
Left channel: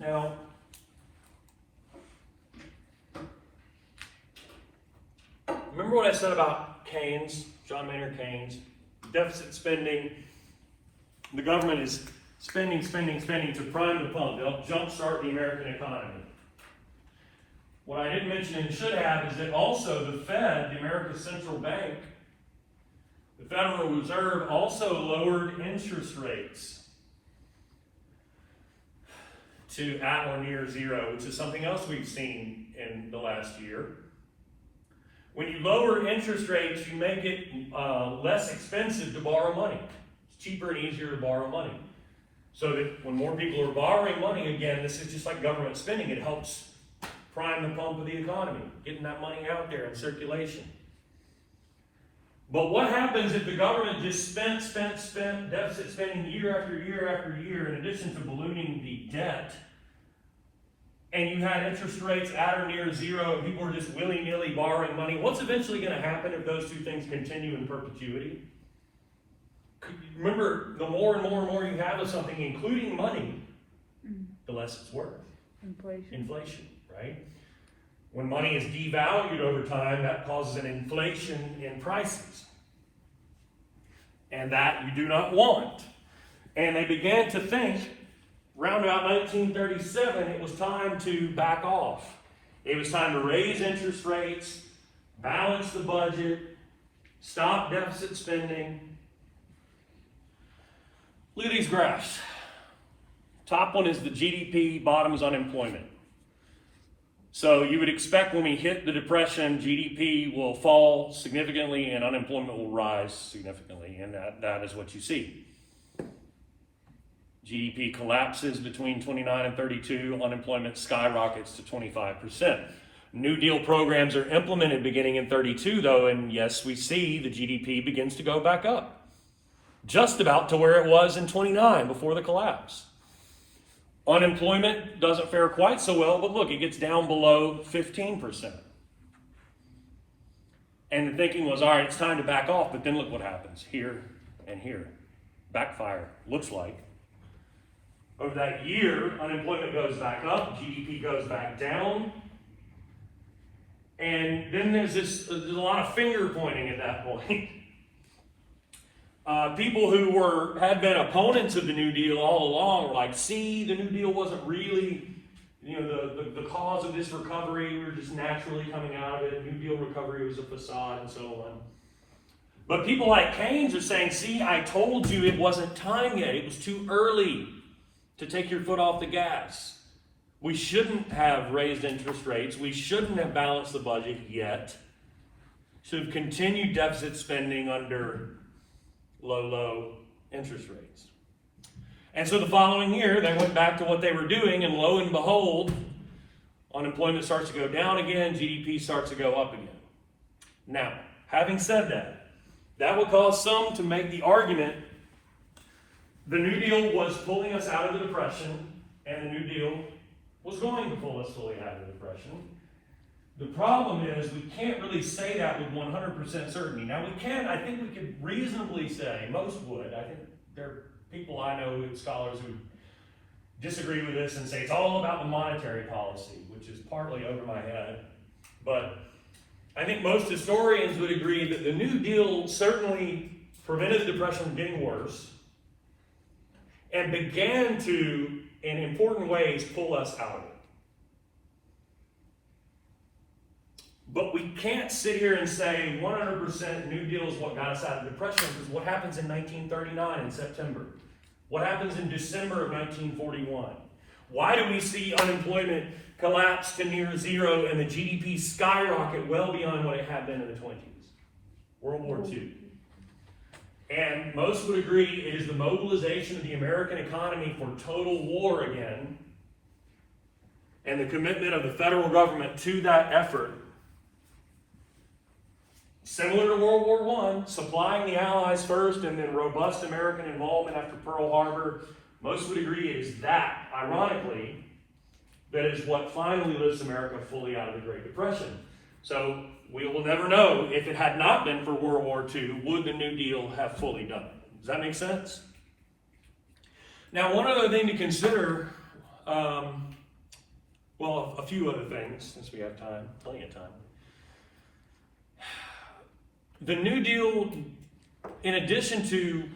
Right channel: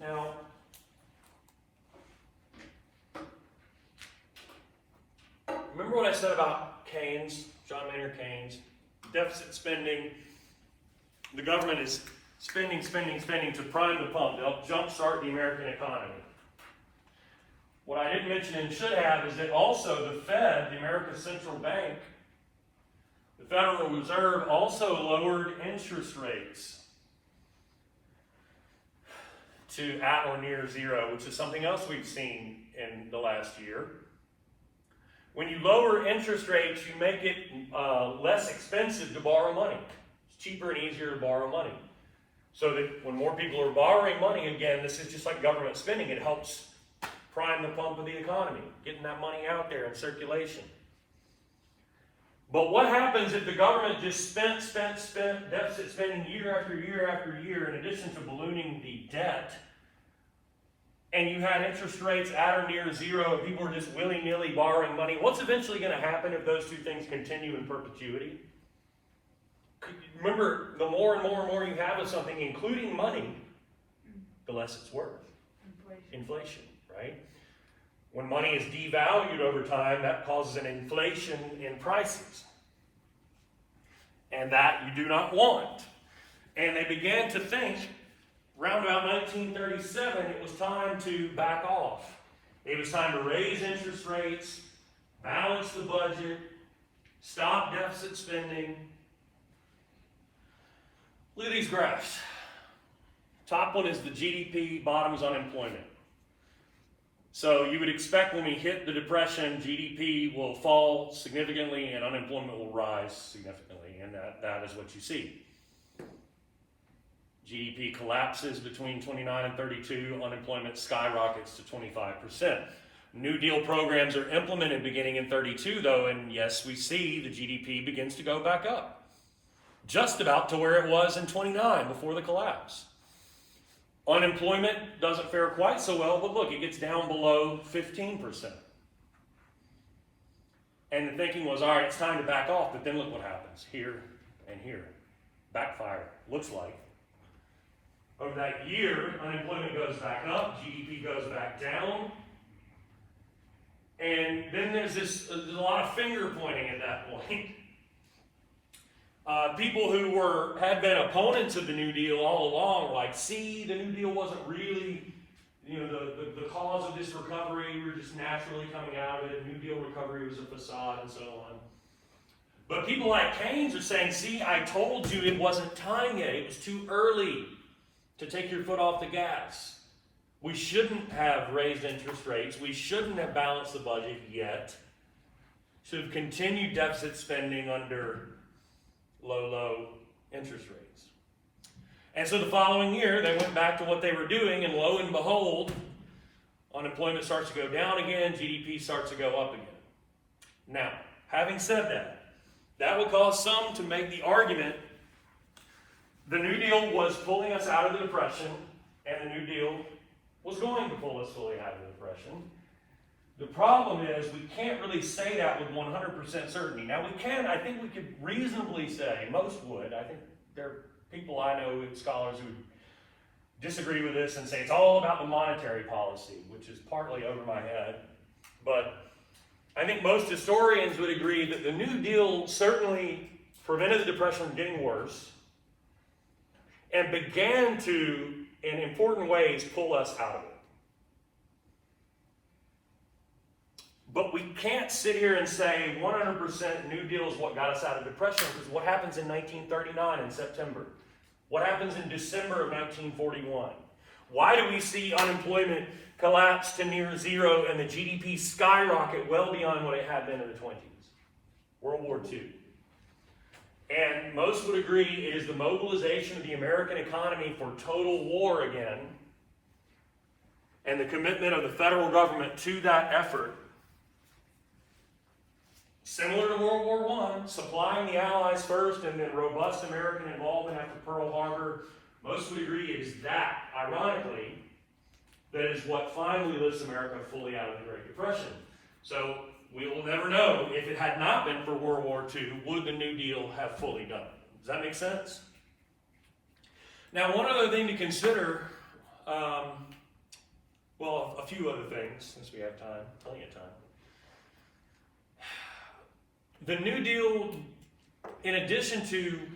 Now, remember what I said about Keynes, John Maynard Keynes? Deficit spending. The government is spending to prime the pump. They'll jumpstart the American economy. What I didn't mention and should have is that also the Fed, the American Central Bank, the Federal Reserve also lowered interest rates to at or near zero, which is something else we've seen in the last year. When you lower interest rates, you make it less expensive to borrow money. It's cheaper and easier to borrow money. So that when more people are borrowing money, again, this is just like government spending. It helps prime the pump of the economy, getting that money out there in circulation. But what happens if the government just spent deficit spending year after year after year, in addition to ballooning the debt, and you had interest rates at or near zero, and people were just willy-nilly borrowing money? What's eventually going to happen if those two things continue in perpetuity? Remember, the more and more you have of something, including money, the less it's worth. Inflation, right? When money is devalued over time, that causes an inflation in prices. And that you do not want. And they began to think, around about 1937, it was time to back off. It was time to raise interest rates, balance the budget, stop deficit spending. Look at these graphs. Top one is the GDP, bottom is unemployment. So you would expect when we hit the Depression, GDP will fall significantly and unemployment will rise significantly, and that is what you see. GDP collapses between 29 and 32, unemployment skyrockets to 25%. New Deal programs are implemented beginning in 32 though, and yes, we see the GDP begins to go back up. Just about to where it was in 29 before the collapse. Unemployment doesn't fare quite so well, but look, it gets down below 15%. And the thinking was, all right, it's time to back off, but then look what happens here and here. Backfire, looks like. Over that year, unemployment goes back up, GDP goes back down. And then there's a lot of finger pointing at that point. People who had been opponents of the New Deal all along were like, see, the New Deal wasn't really, the cause of this recovery. We were just naturally coming out of it. New Deal recovery was a facade and so on. But people like Keynes are saying, see, I told you it wasn't time yet. It was too early to take your foot off the gas. We shouldn't have raised interest rates. We shouldn't have balanced the budget yet. Should have continued deficit spending under low interest rates. And so the following year, they went back to what they were doing, and lo and behold, unemployment starts to go down again, GDP starts to go up again. Now, having said that, that would cause some to make the argument the New Deal was pulling us out of the Depression, and the New Deal was going to pull us fully out of the Depression. The problem is we can't really say that with 100% certainty. Now I think we could reasonably say, most would, I think there are people I know, scholars who disagree with this and say it's all about the monetary policy, which is partly over my head. But I think most historians would agree that the New Deal certainly prevented the Depression from getting worse and began to, in important ways, pull us out of it. But we can't sit here and say 100% New Deal is what got us out of depression, because what happens in 1939 in September? What happens in December of 1941? Why do we see unemployment collapse to near zero and the GDP skyrocket well beyond what it had been in the 20s? World War II. And most would agree it is the mobilization of the American economy for total war again, and the commitment of the federal government to that effort. Similar to World War I, supplying the Allies first and then robust American involvement after Pearl Harbor, most would agree it is that, ironically, that is what finally lifts America fully out of the Great Depression. So we will never know if it had not been for World War II, would the New Deal have fully done it? Does that make sense? Now, one other thing to consider, well, a few other things, since we have time, plenty of time. The New Deal, in addition to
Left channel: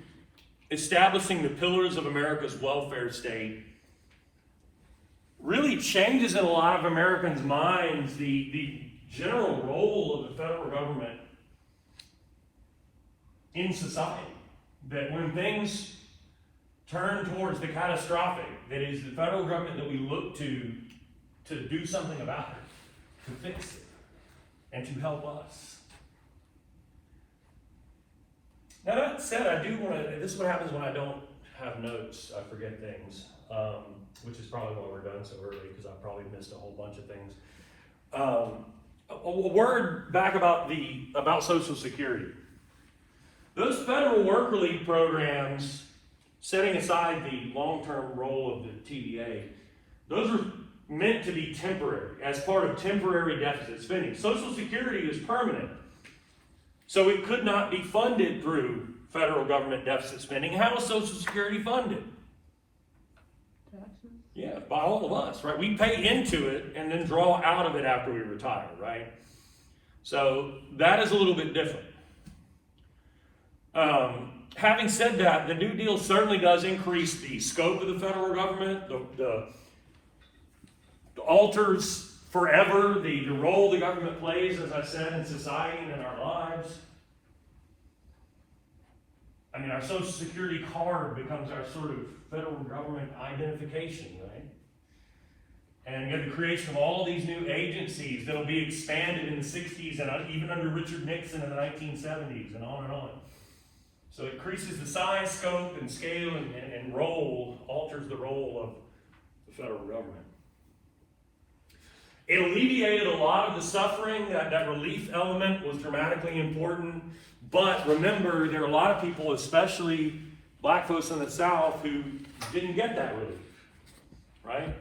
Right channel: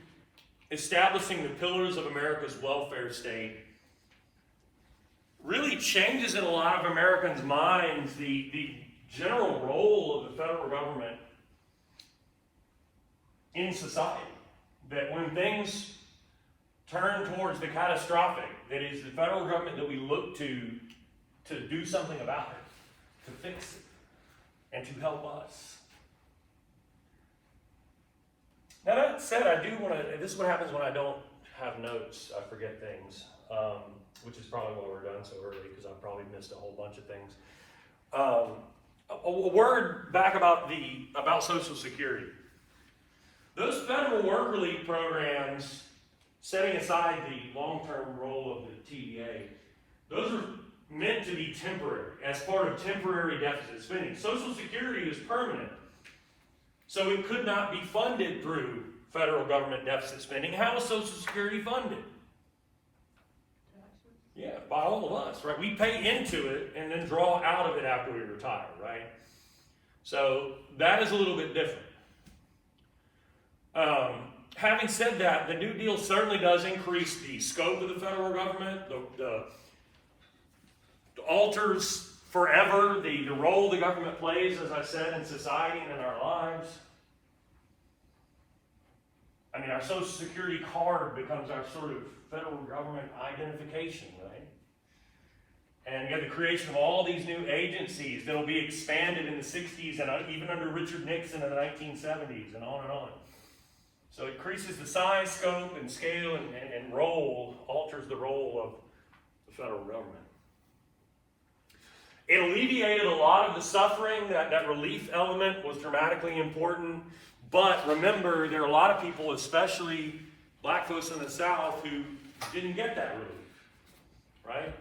establishing the pillars of America's welfare state, really changes in a lot of Americans' minds the general role of the federal government in society. That when things turn towards the catastrophic, that is the federal government that we look to do something about it, to fix it, and to help us. Now that said, I do want to, this is what happens when I don't have notes, I forget things, which is probably why we're done so early, because I probably missed a whole bunch of things. A word back about Social Security. Those federal work relief programs, setting aside the long-term role of the TDA, those are meant to be temporary, as part of temporary deficit spending. Social Security is permanent, so it could not be funded through federal government deficit spending. How is Social Security funded? Yeah, by all of us, right? We pay into it and then draw out of it after we retire, right? So that is a little bit different. Having said that, the New Deal certainly does increase the scope of the federal government, alters forever the role the government plays, as I said, in society and in our lives. I mean, our Social Security card becomes our sort of federal government identification, right? And you have the creation of all these new agencies that'll be expanded in the 60s and even under Richard Nixon in the 1970s and on and on. So it increases the size, scope, and scale and role, alters the role of the federal government. It alleviated a lot of the suffering. That relief element was dramatically important. But remember, there are a lot of people, especially black folks in the South, who didn't get that relief, right?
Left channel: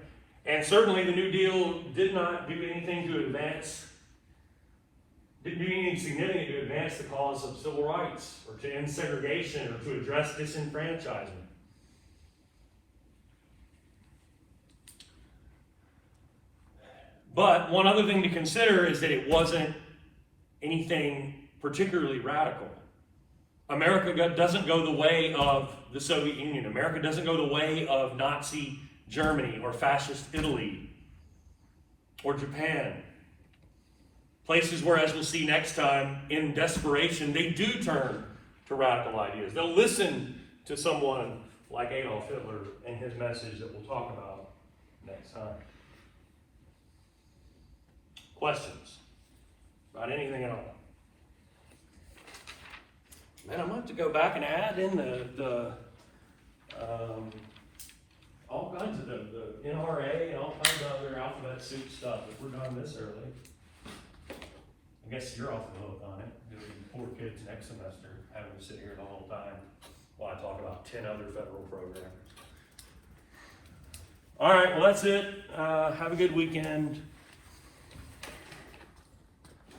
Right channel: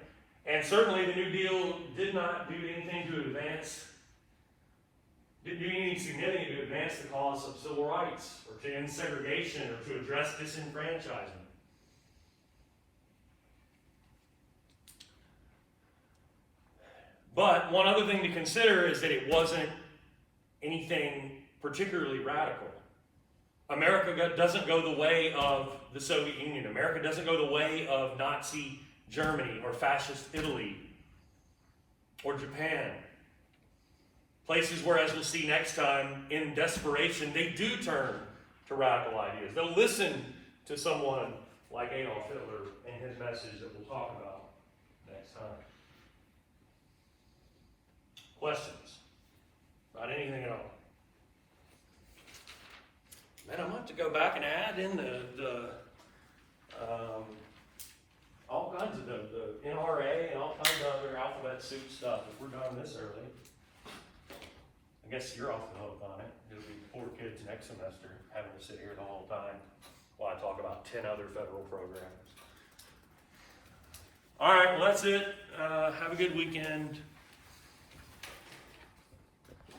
And certainly the New Deal did not do anything to advance, didn't do anything significant to advance the cause of civil rights, or to end segregation, or to address disenfranchisement. But one other thing to consider is that it wasn't anything particularly radical. America doesn't go the way of the Soviet Union. America doesn't go the way of Nazi Germany or fascist Italy or Japan. Places where, as we'll see next time, in desperation, they do turn to radical ideas. They'll listen to someone like Adolf Hitler and his message that we'll talk about next time. Questions about anything at all? Man, I might have to go back and add in all kinds of the NRA and all kinds of other alphabet soup stuff if we're done this early. I guess you're off the hook on it. There'll be 4 kids next semester having to sit here the whole time while I talk about 10 other federal programs. All right, well that's it. Have a good weekend.